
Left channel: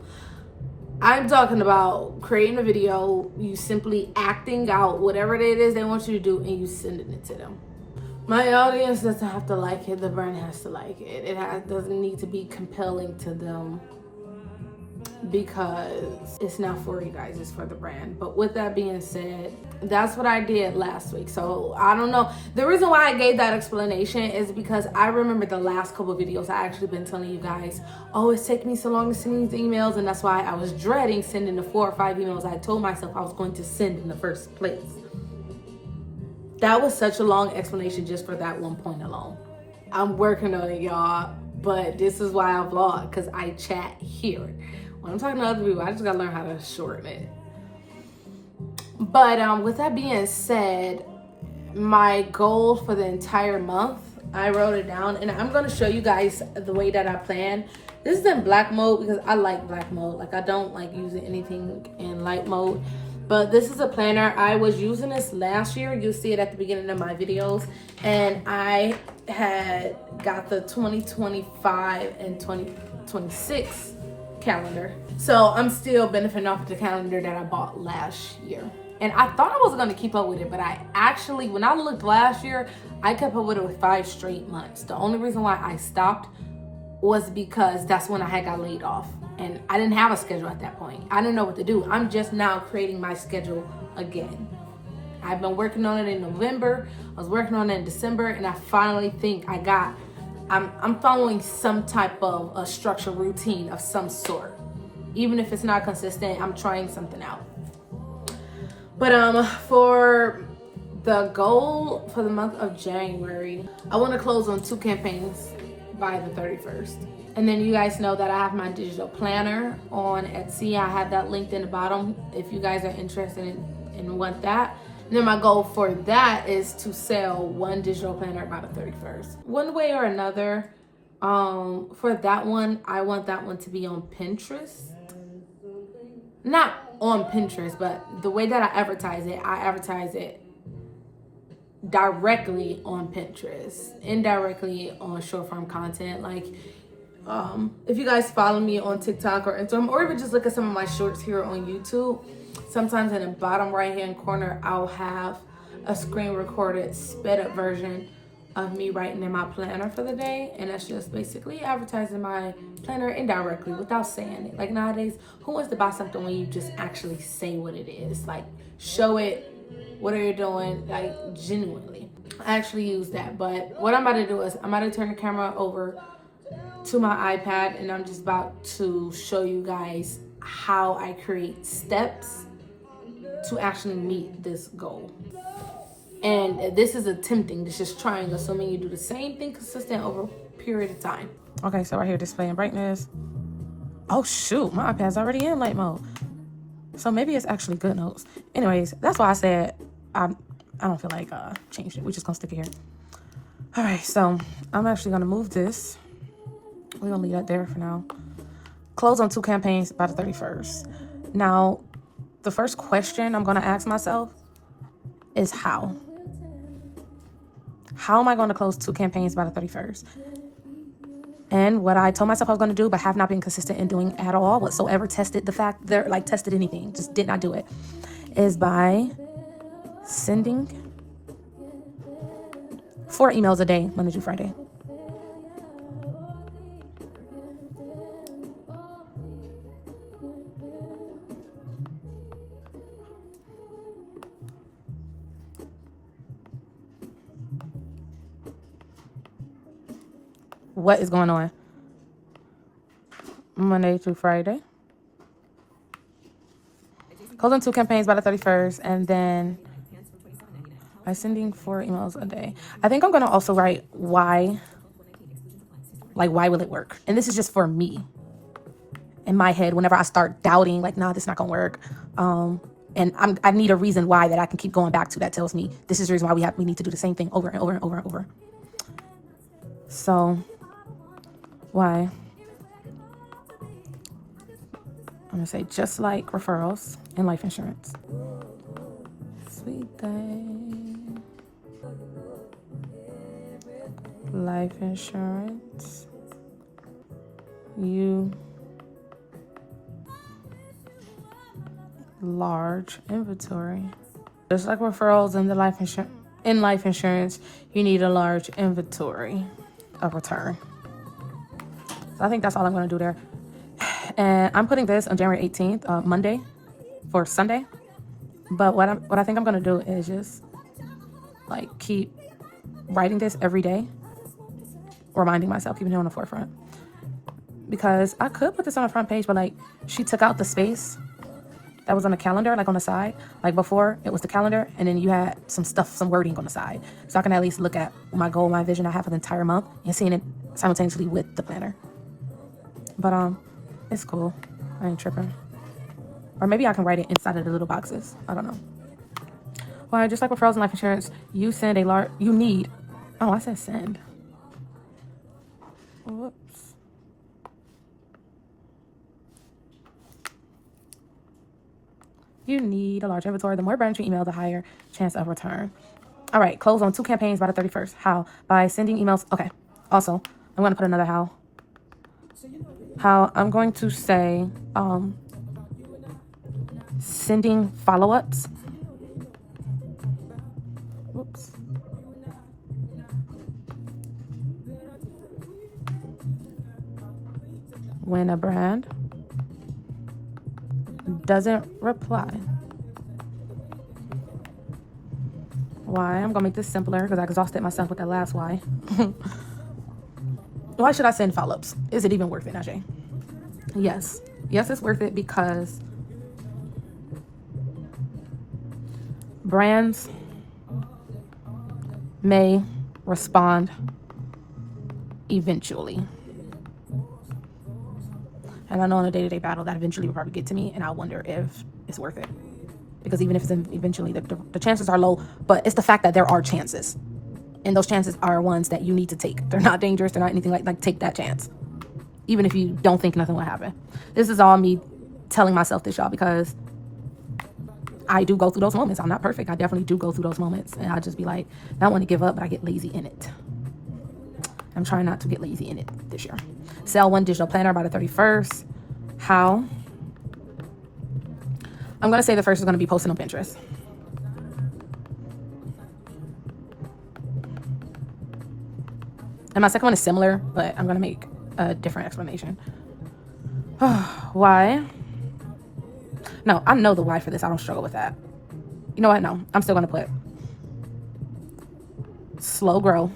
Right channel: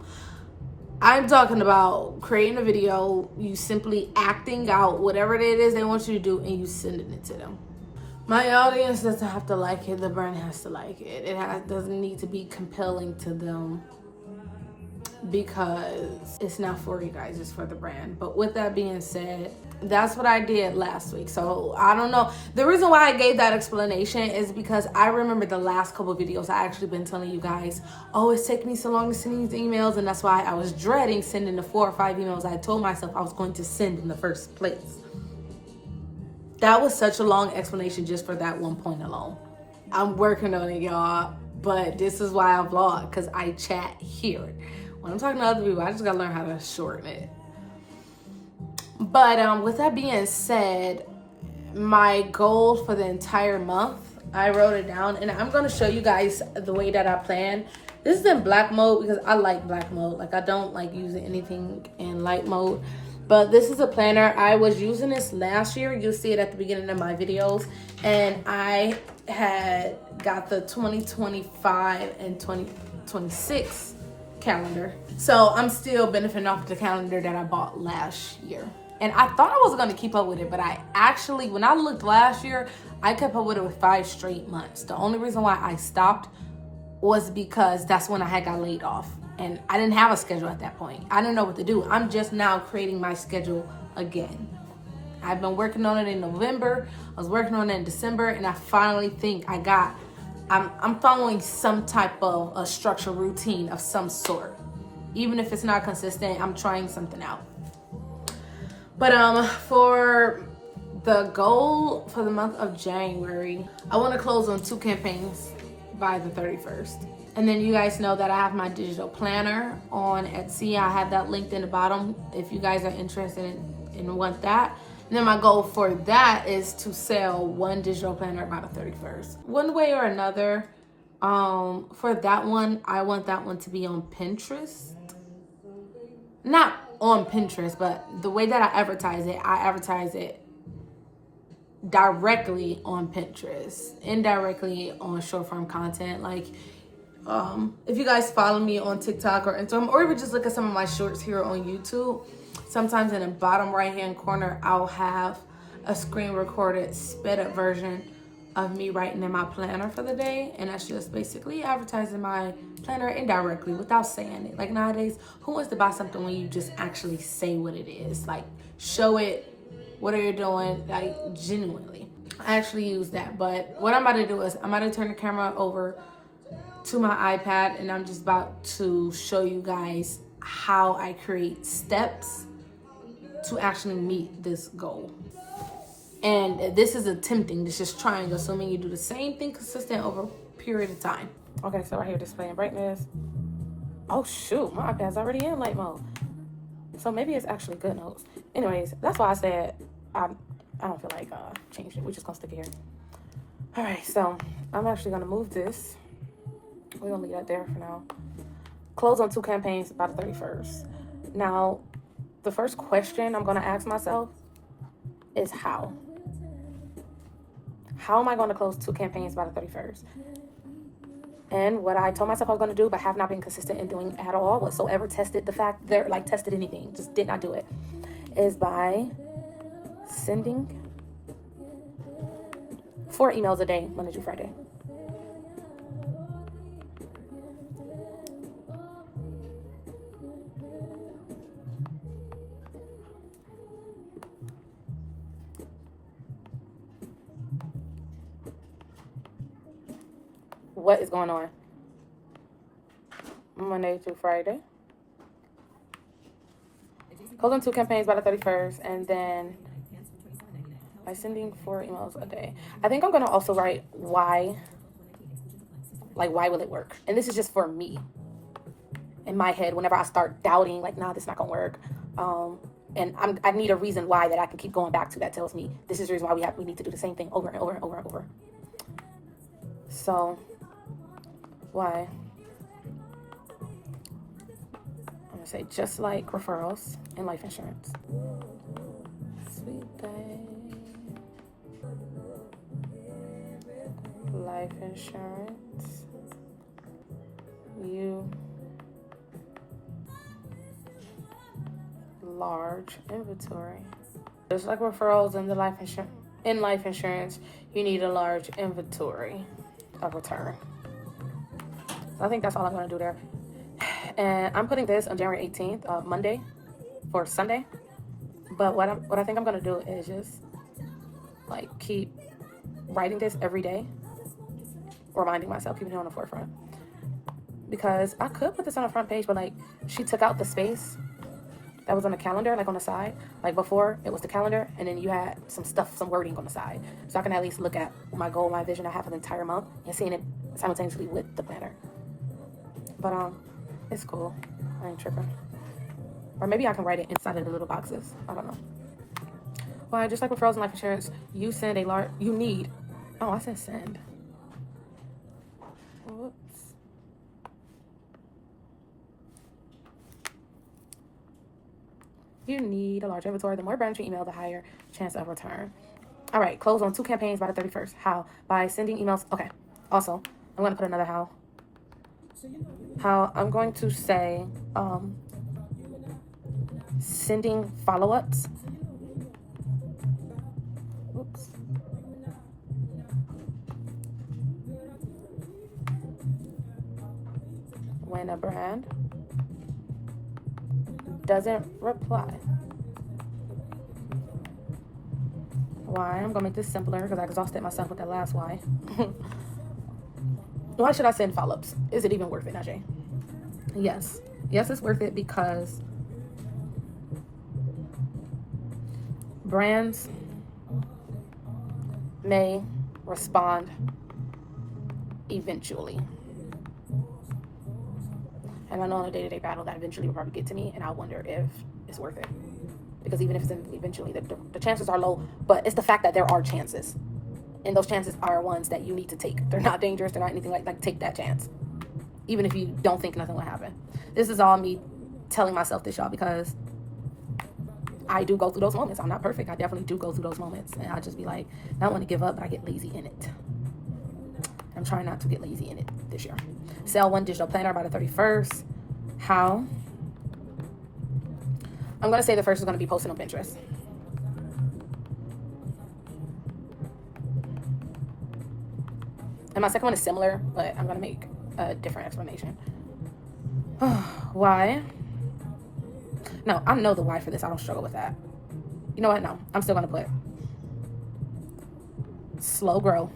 I'm talking about creating a video, you simply acting out whatever it is they want you to do, and you sending it to them. My audience doesn't have to like it. The brand has to like it. It doesn't need to be compelling to them, because it's not for you guys, it's for the brand. But with that being said, that's what I did last week. So I don't know. The reason why I gave that explanation is because I remember the last couple of videos I actually been telling you guys, oh, it's taking me so long to send these emails, and that's why I was dreading sending the 4 or 5 emails I told myself I was going to send in the first place. That was such a long explanation just for that one point alone. I'm working on it, y'all, but this is why I vlog, because I chat here. When I'm talking to other people, I just gotta learn how to shorten it. But with that being said, my goal for the entire month, I wrote it down, and I'm gonna show you guys the way that I plan. This is in black mode because I like black mode. Like, I don't like using anything in light mode. But this is a planner. I was using this last year. You'll see it at the beginning of my videos. And I had got the 2025 and 2026 calendar. So I'm still benefiting off the calendar that I bought last year. And I thought I was going to keep up with it, but I actually, when I looked last year, I kept up with it with 5 straight months. The only reason why I stopped was because that's when I had got laid off. And I didn't have a schedule at that point. I didn't know what to do. I'm just now creating my schedule again. I've been working on it in November. I was working on it in December, and I finally think I'm following some type of a structured routine of some sort. Even if it's not consistent, I'm trying something out. But for the goal for the month of January, I want to close on 2 campaigns by the 31st. And then you guys know that I have my digital planner on Etsy. I have that linked in the bottom if you guys are interested and want that. And then my goal for that is to sell 1 digital planner by the 31st. One way or another, for that one, I want that one to be on Pinterest. Not on Pinterest, but the way that I advertise it directly on Pinterest, indirectly on short form content. Like, if you guys follow me on TikTok or Instagram, or even just look at some of my shorts here on YouTube, sometimes in the bottom right hand corner I'll have a screen recorded sped up version of me writing in my planner for the day, and that's just basically advertising my planner indirectly without saying it. Like nowadays, who wants to buy something when you just actually say what it is? Like show it, what are you doing, like genuinely. I actually use that, but what I'm about to do is I'm about to turn the camera over to my iPad, and I'm just about to show you guys how I create steps to actually meet this goal. And this is attempting, this is trying, assuming you do the same thing consistent over a period of time. Okay, so right here, displaying brightness. Oh shoot, my iPad's already in light mode. So maybe it's actually good notes. Anyways, that's why I said I don't feel like changing it. We're just gonna stick it here. All right, so I'm actually gonna move this. We're gonna leave that there for now. Close on 2 campaigns by the 31st. Now, the first question I'm gonna ask myself is how? How am I gonna close 2 campaigns by the 31st? And what I told myself I was gonna do, but have not been consistent in doing at all whatsoever, tested anything, just did not do it, is by sending 4 emails a day, Monday through Friday. What is going on? Monday through Friday. Closing 2 campaigns by the 31st, and then by sending 4 emails a day. I think I'm gonna also write why. Like, why will it work? And this is just for me. In my head, whenever I start doubting, like, nah, this is not gonna work. And I need a reason why that I can keep going back to that tells me this is the reason why we need to do the same thing over and over and over and over. So, why? I'm gonna say just like referrals and life insurance. Sweet day. Life insurance. You large inventory. Just like referrals and the life insurance. In life insurance, you need a large inventory of return. So I think that's all I'm gonna do there. And I'm putting this on January 18th, Monday, for Sunday. But what I think I'm gonna do is just like keep writing this every day, reminding myself, keeping it on the forefront. Because I could put this on the front page, but like she took out the space that was on the calendar, like on the side. Like before, it was the calendar, and then you had some stuff, some wording on the side. So I can at least look at my goal, my vision I have for the entire month, and seeing it simultaneously with the planner. But it's cool. I ain't tripping. Or maybe I can write it inside of the little boxes. I don't know. Well, just like referrals and life insurance, you send a large. You need. Oh, I said send. Whoops. You need a large inventory. The more branch your email, the higher chance of return. All right, close on 2 campaigns by the 31st. How? By sending emails. Okay. Also, I'm going to put another how. How I'm going to say sending follow-ups. Whoops. When a brand doesn't reply. Why? I'm gonna make this simpler because I exhausted myself with that last why. Why should I send follow-ups? Is it even worth it, Ajay? Yes. Yes, it's worth it because brands may respond eventually. And I know in a day-to-day battle that eventually will probably get to me, and I wonder if it's worth it. Because even if it's eventually, the chances are low, but it's the fact that there are chances. And those chances are ones that you need to take. They're not dangerous. They're not anything like take that chance. Even if you don't think nothing will happen. This is all me telling myself this, y'all, because I do go through those moments. I'm not perfect. I definitely do go through those moments. And I just be like, not want to give up, but I get lazy in it. I'm trying not to get lazy in it this year. Sell 1 digital planner by the 31st. How? I'm going to say the first is going to be posting on Pinterest. And my second one is similar, but I'm gonna make a different explanation. Why? No, I know the why for this. I don't struggle with that. You know what? No, I'm still gonna put slow grow.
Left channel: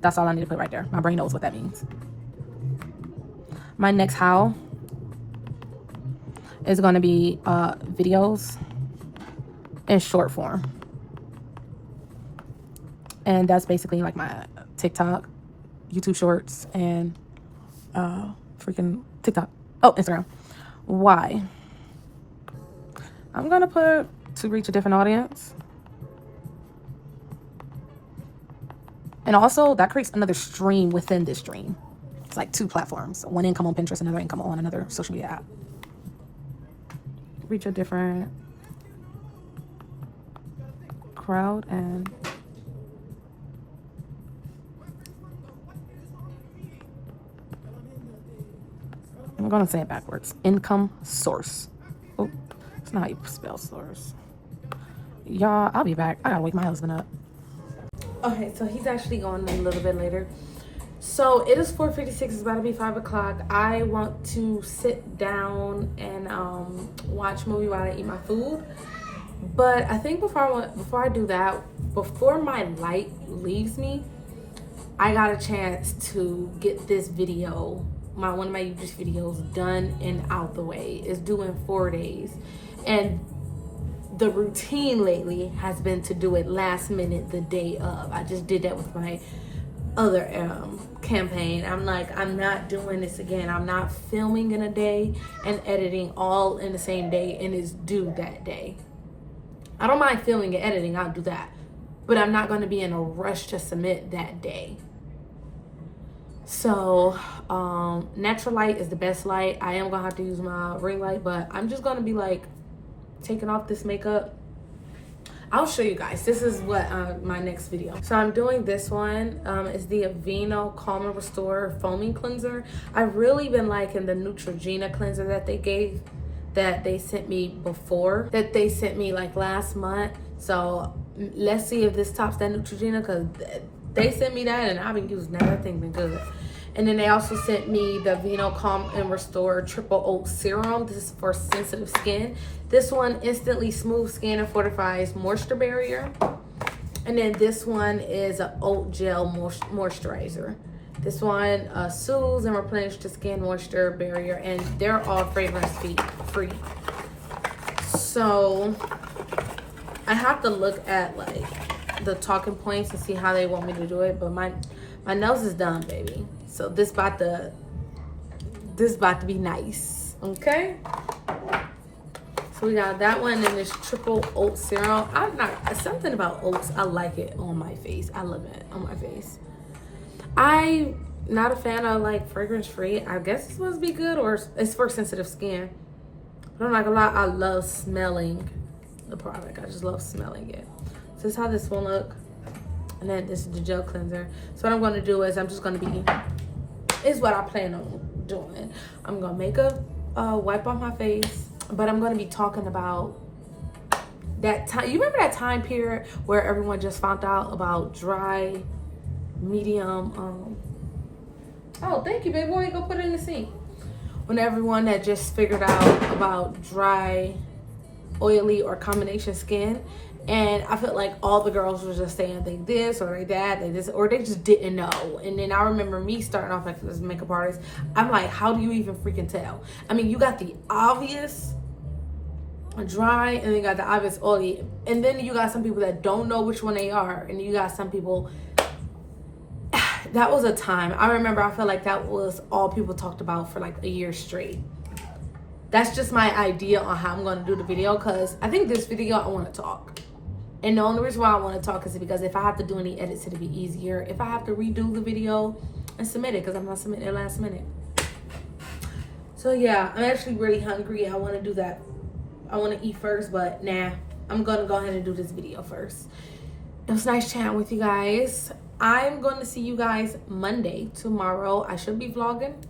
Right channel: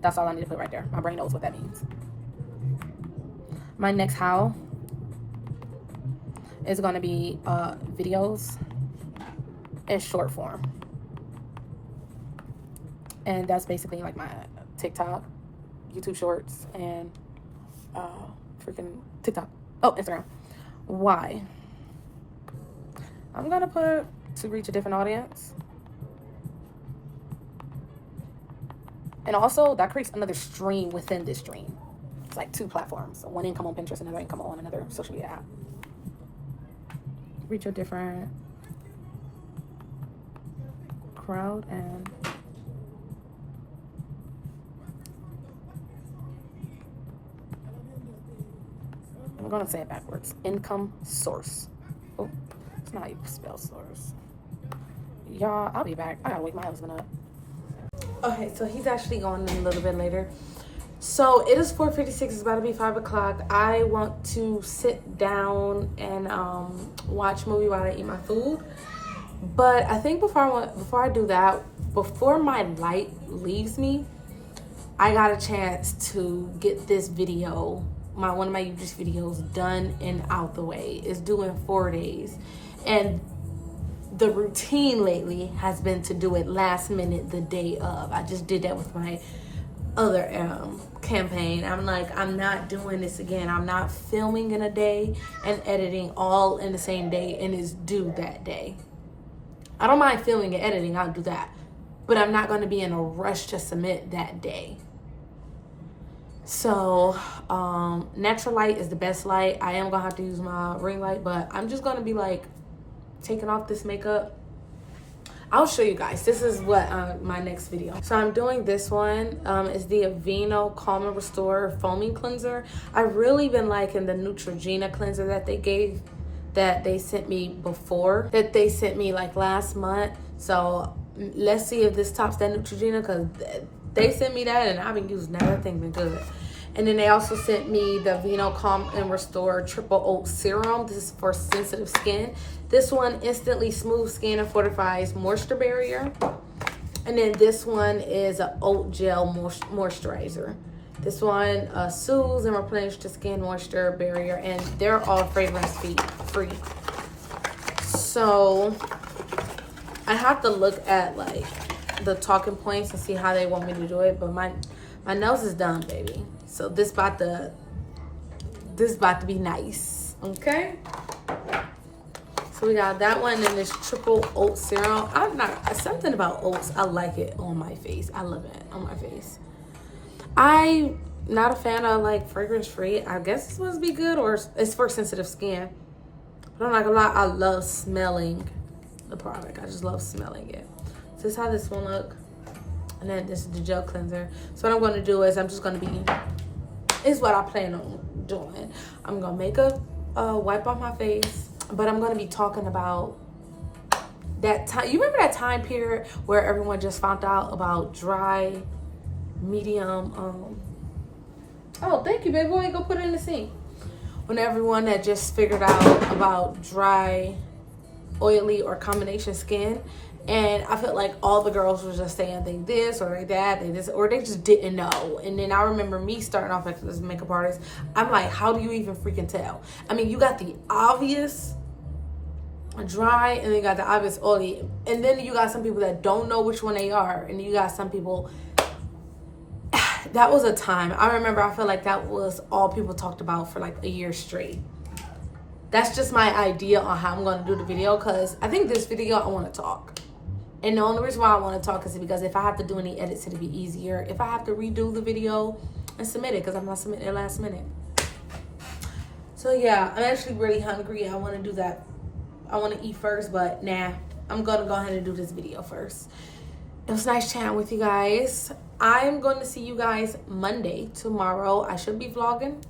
That's all I need to put right there. My brain knows what that means. My next how is gonna be videos in short form. And that's basically like my TikTok, YouTube Shorts, and freaking TikTok. Oh, Instagram. Why? I'm gonna put to reach a different audience. And also that creates another stream within this stream. It's like 2 platforms. One income on Pinterest, another income on another social media app. Reach a different crowd and I'm gonna say it backwards. Income source. Oh, it's not how you spell source. Y'all, I'll be back. I gotta wake my husband up. Okay, so he's actually going a little bit later. So it is 4:56. It's about to be 5 o'clock. I want to sit down and watch a movie while I eat my food. But I think before I do that, before my light leaves me, I got a chance to get this video, one of my YouTube videos, done and out the way. It's due in 4 days, and the routine lately has been to do it last minute, the day of. I just did that with my other campaign. I'm like, I'm not doing this again. I'm not filming in a day and editing all in the same day and it's due that day. I don't mind filming and editing, I'll do that, but I'm not going to be in a rush to submit that day. So natural light is the best light. I am gonna have to use my ring light, but I'm just gonna be like taking off this makeup. I'll show you guys. This is what my next video. So I'm doing this one. It's the Aveeno Calm and Restore Foaming Cleanser. I've really been liking the Neutrogena cleanser that they sent me before, that they sent me like last month. So let's see if this tops that Neutrogena, because they sent me that and I've been using that. That thing's been good. And then they also sent me the Aveeno Calm and Restore Triple Oat Serum. This is for sensitive skin. This one instantly smooths skin and fortifies moisture barrier. And then this one is an oat gel moisturizer. This one soothes and replenishes the skin moisture barrier, and they're all fragrance free. So I have to look at like the talking points and see how they want me to do it, but my nose is done, baby. So this about to be nice, okay? So we got that one and this triple oat serum. Something about oats, I like it on my face. I love it on my face. I'm not a fan of like fragrance free. I guess it's supposed to be good, or it's for sensitive skin. But I'm not gonna lie, I love smelling the product. I just love smelling it. So this is how this one look. And then this is the gel cleanser. So what I'm gonna do is is what I plan on doing. I'm gonna make a wipe off my face, but I'm gonna be talking about that time. You remember that time period where everyone just found out about dry, medium, oh, thank you, baby. Why don't you go put it in the sink? When everyone had just figured out about dry, oily, or combination skin. And I felt like all the girls were just saying they this or they that, they this, or they just didn't know. And then I remember me starting off as a makeup artist. I'm like, how do you even freaking tell? I mean, you got the obvious dry, and then you got the obvious oily. And then you got some people that don't know which one they are. And you got some people, that was a time. I remember I felt like that was all people talked about for like a year straight. That's just my idea on how I'm going to do the video, because I think this video I want to talk. And the only reason why I want to talk is because if I have to do any edits, it'll be easier. If I have to redo the video and submit it, because I'm not submitting it last minute. So yeah, I'm actually really hungry. I want to do that. I want to eat first, but nah, I'm going to go ahead and do this video first. It was nice chatting with you guys. I'm going to see you guys Monday, tomorrow. I should be vlogging.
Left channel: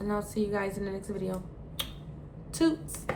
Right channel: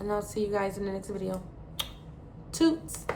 And I'll see you guys in the next video. Toots.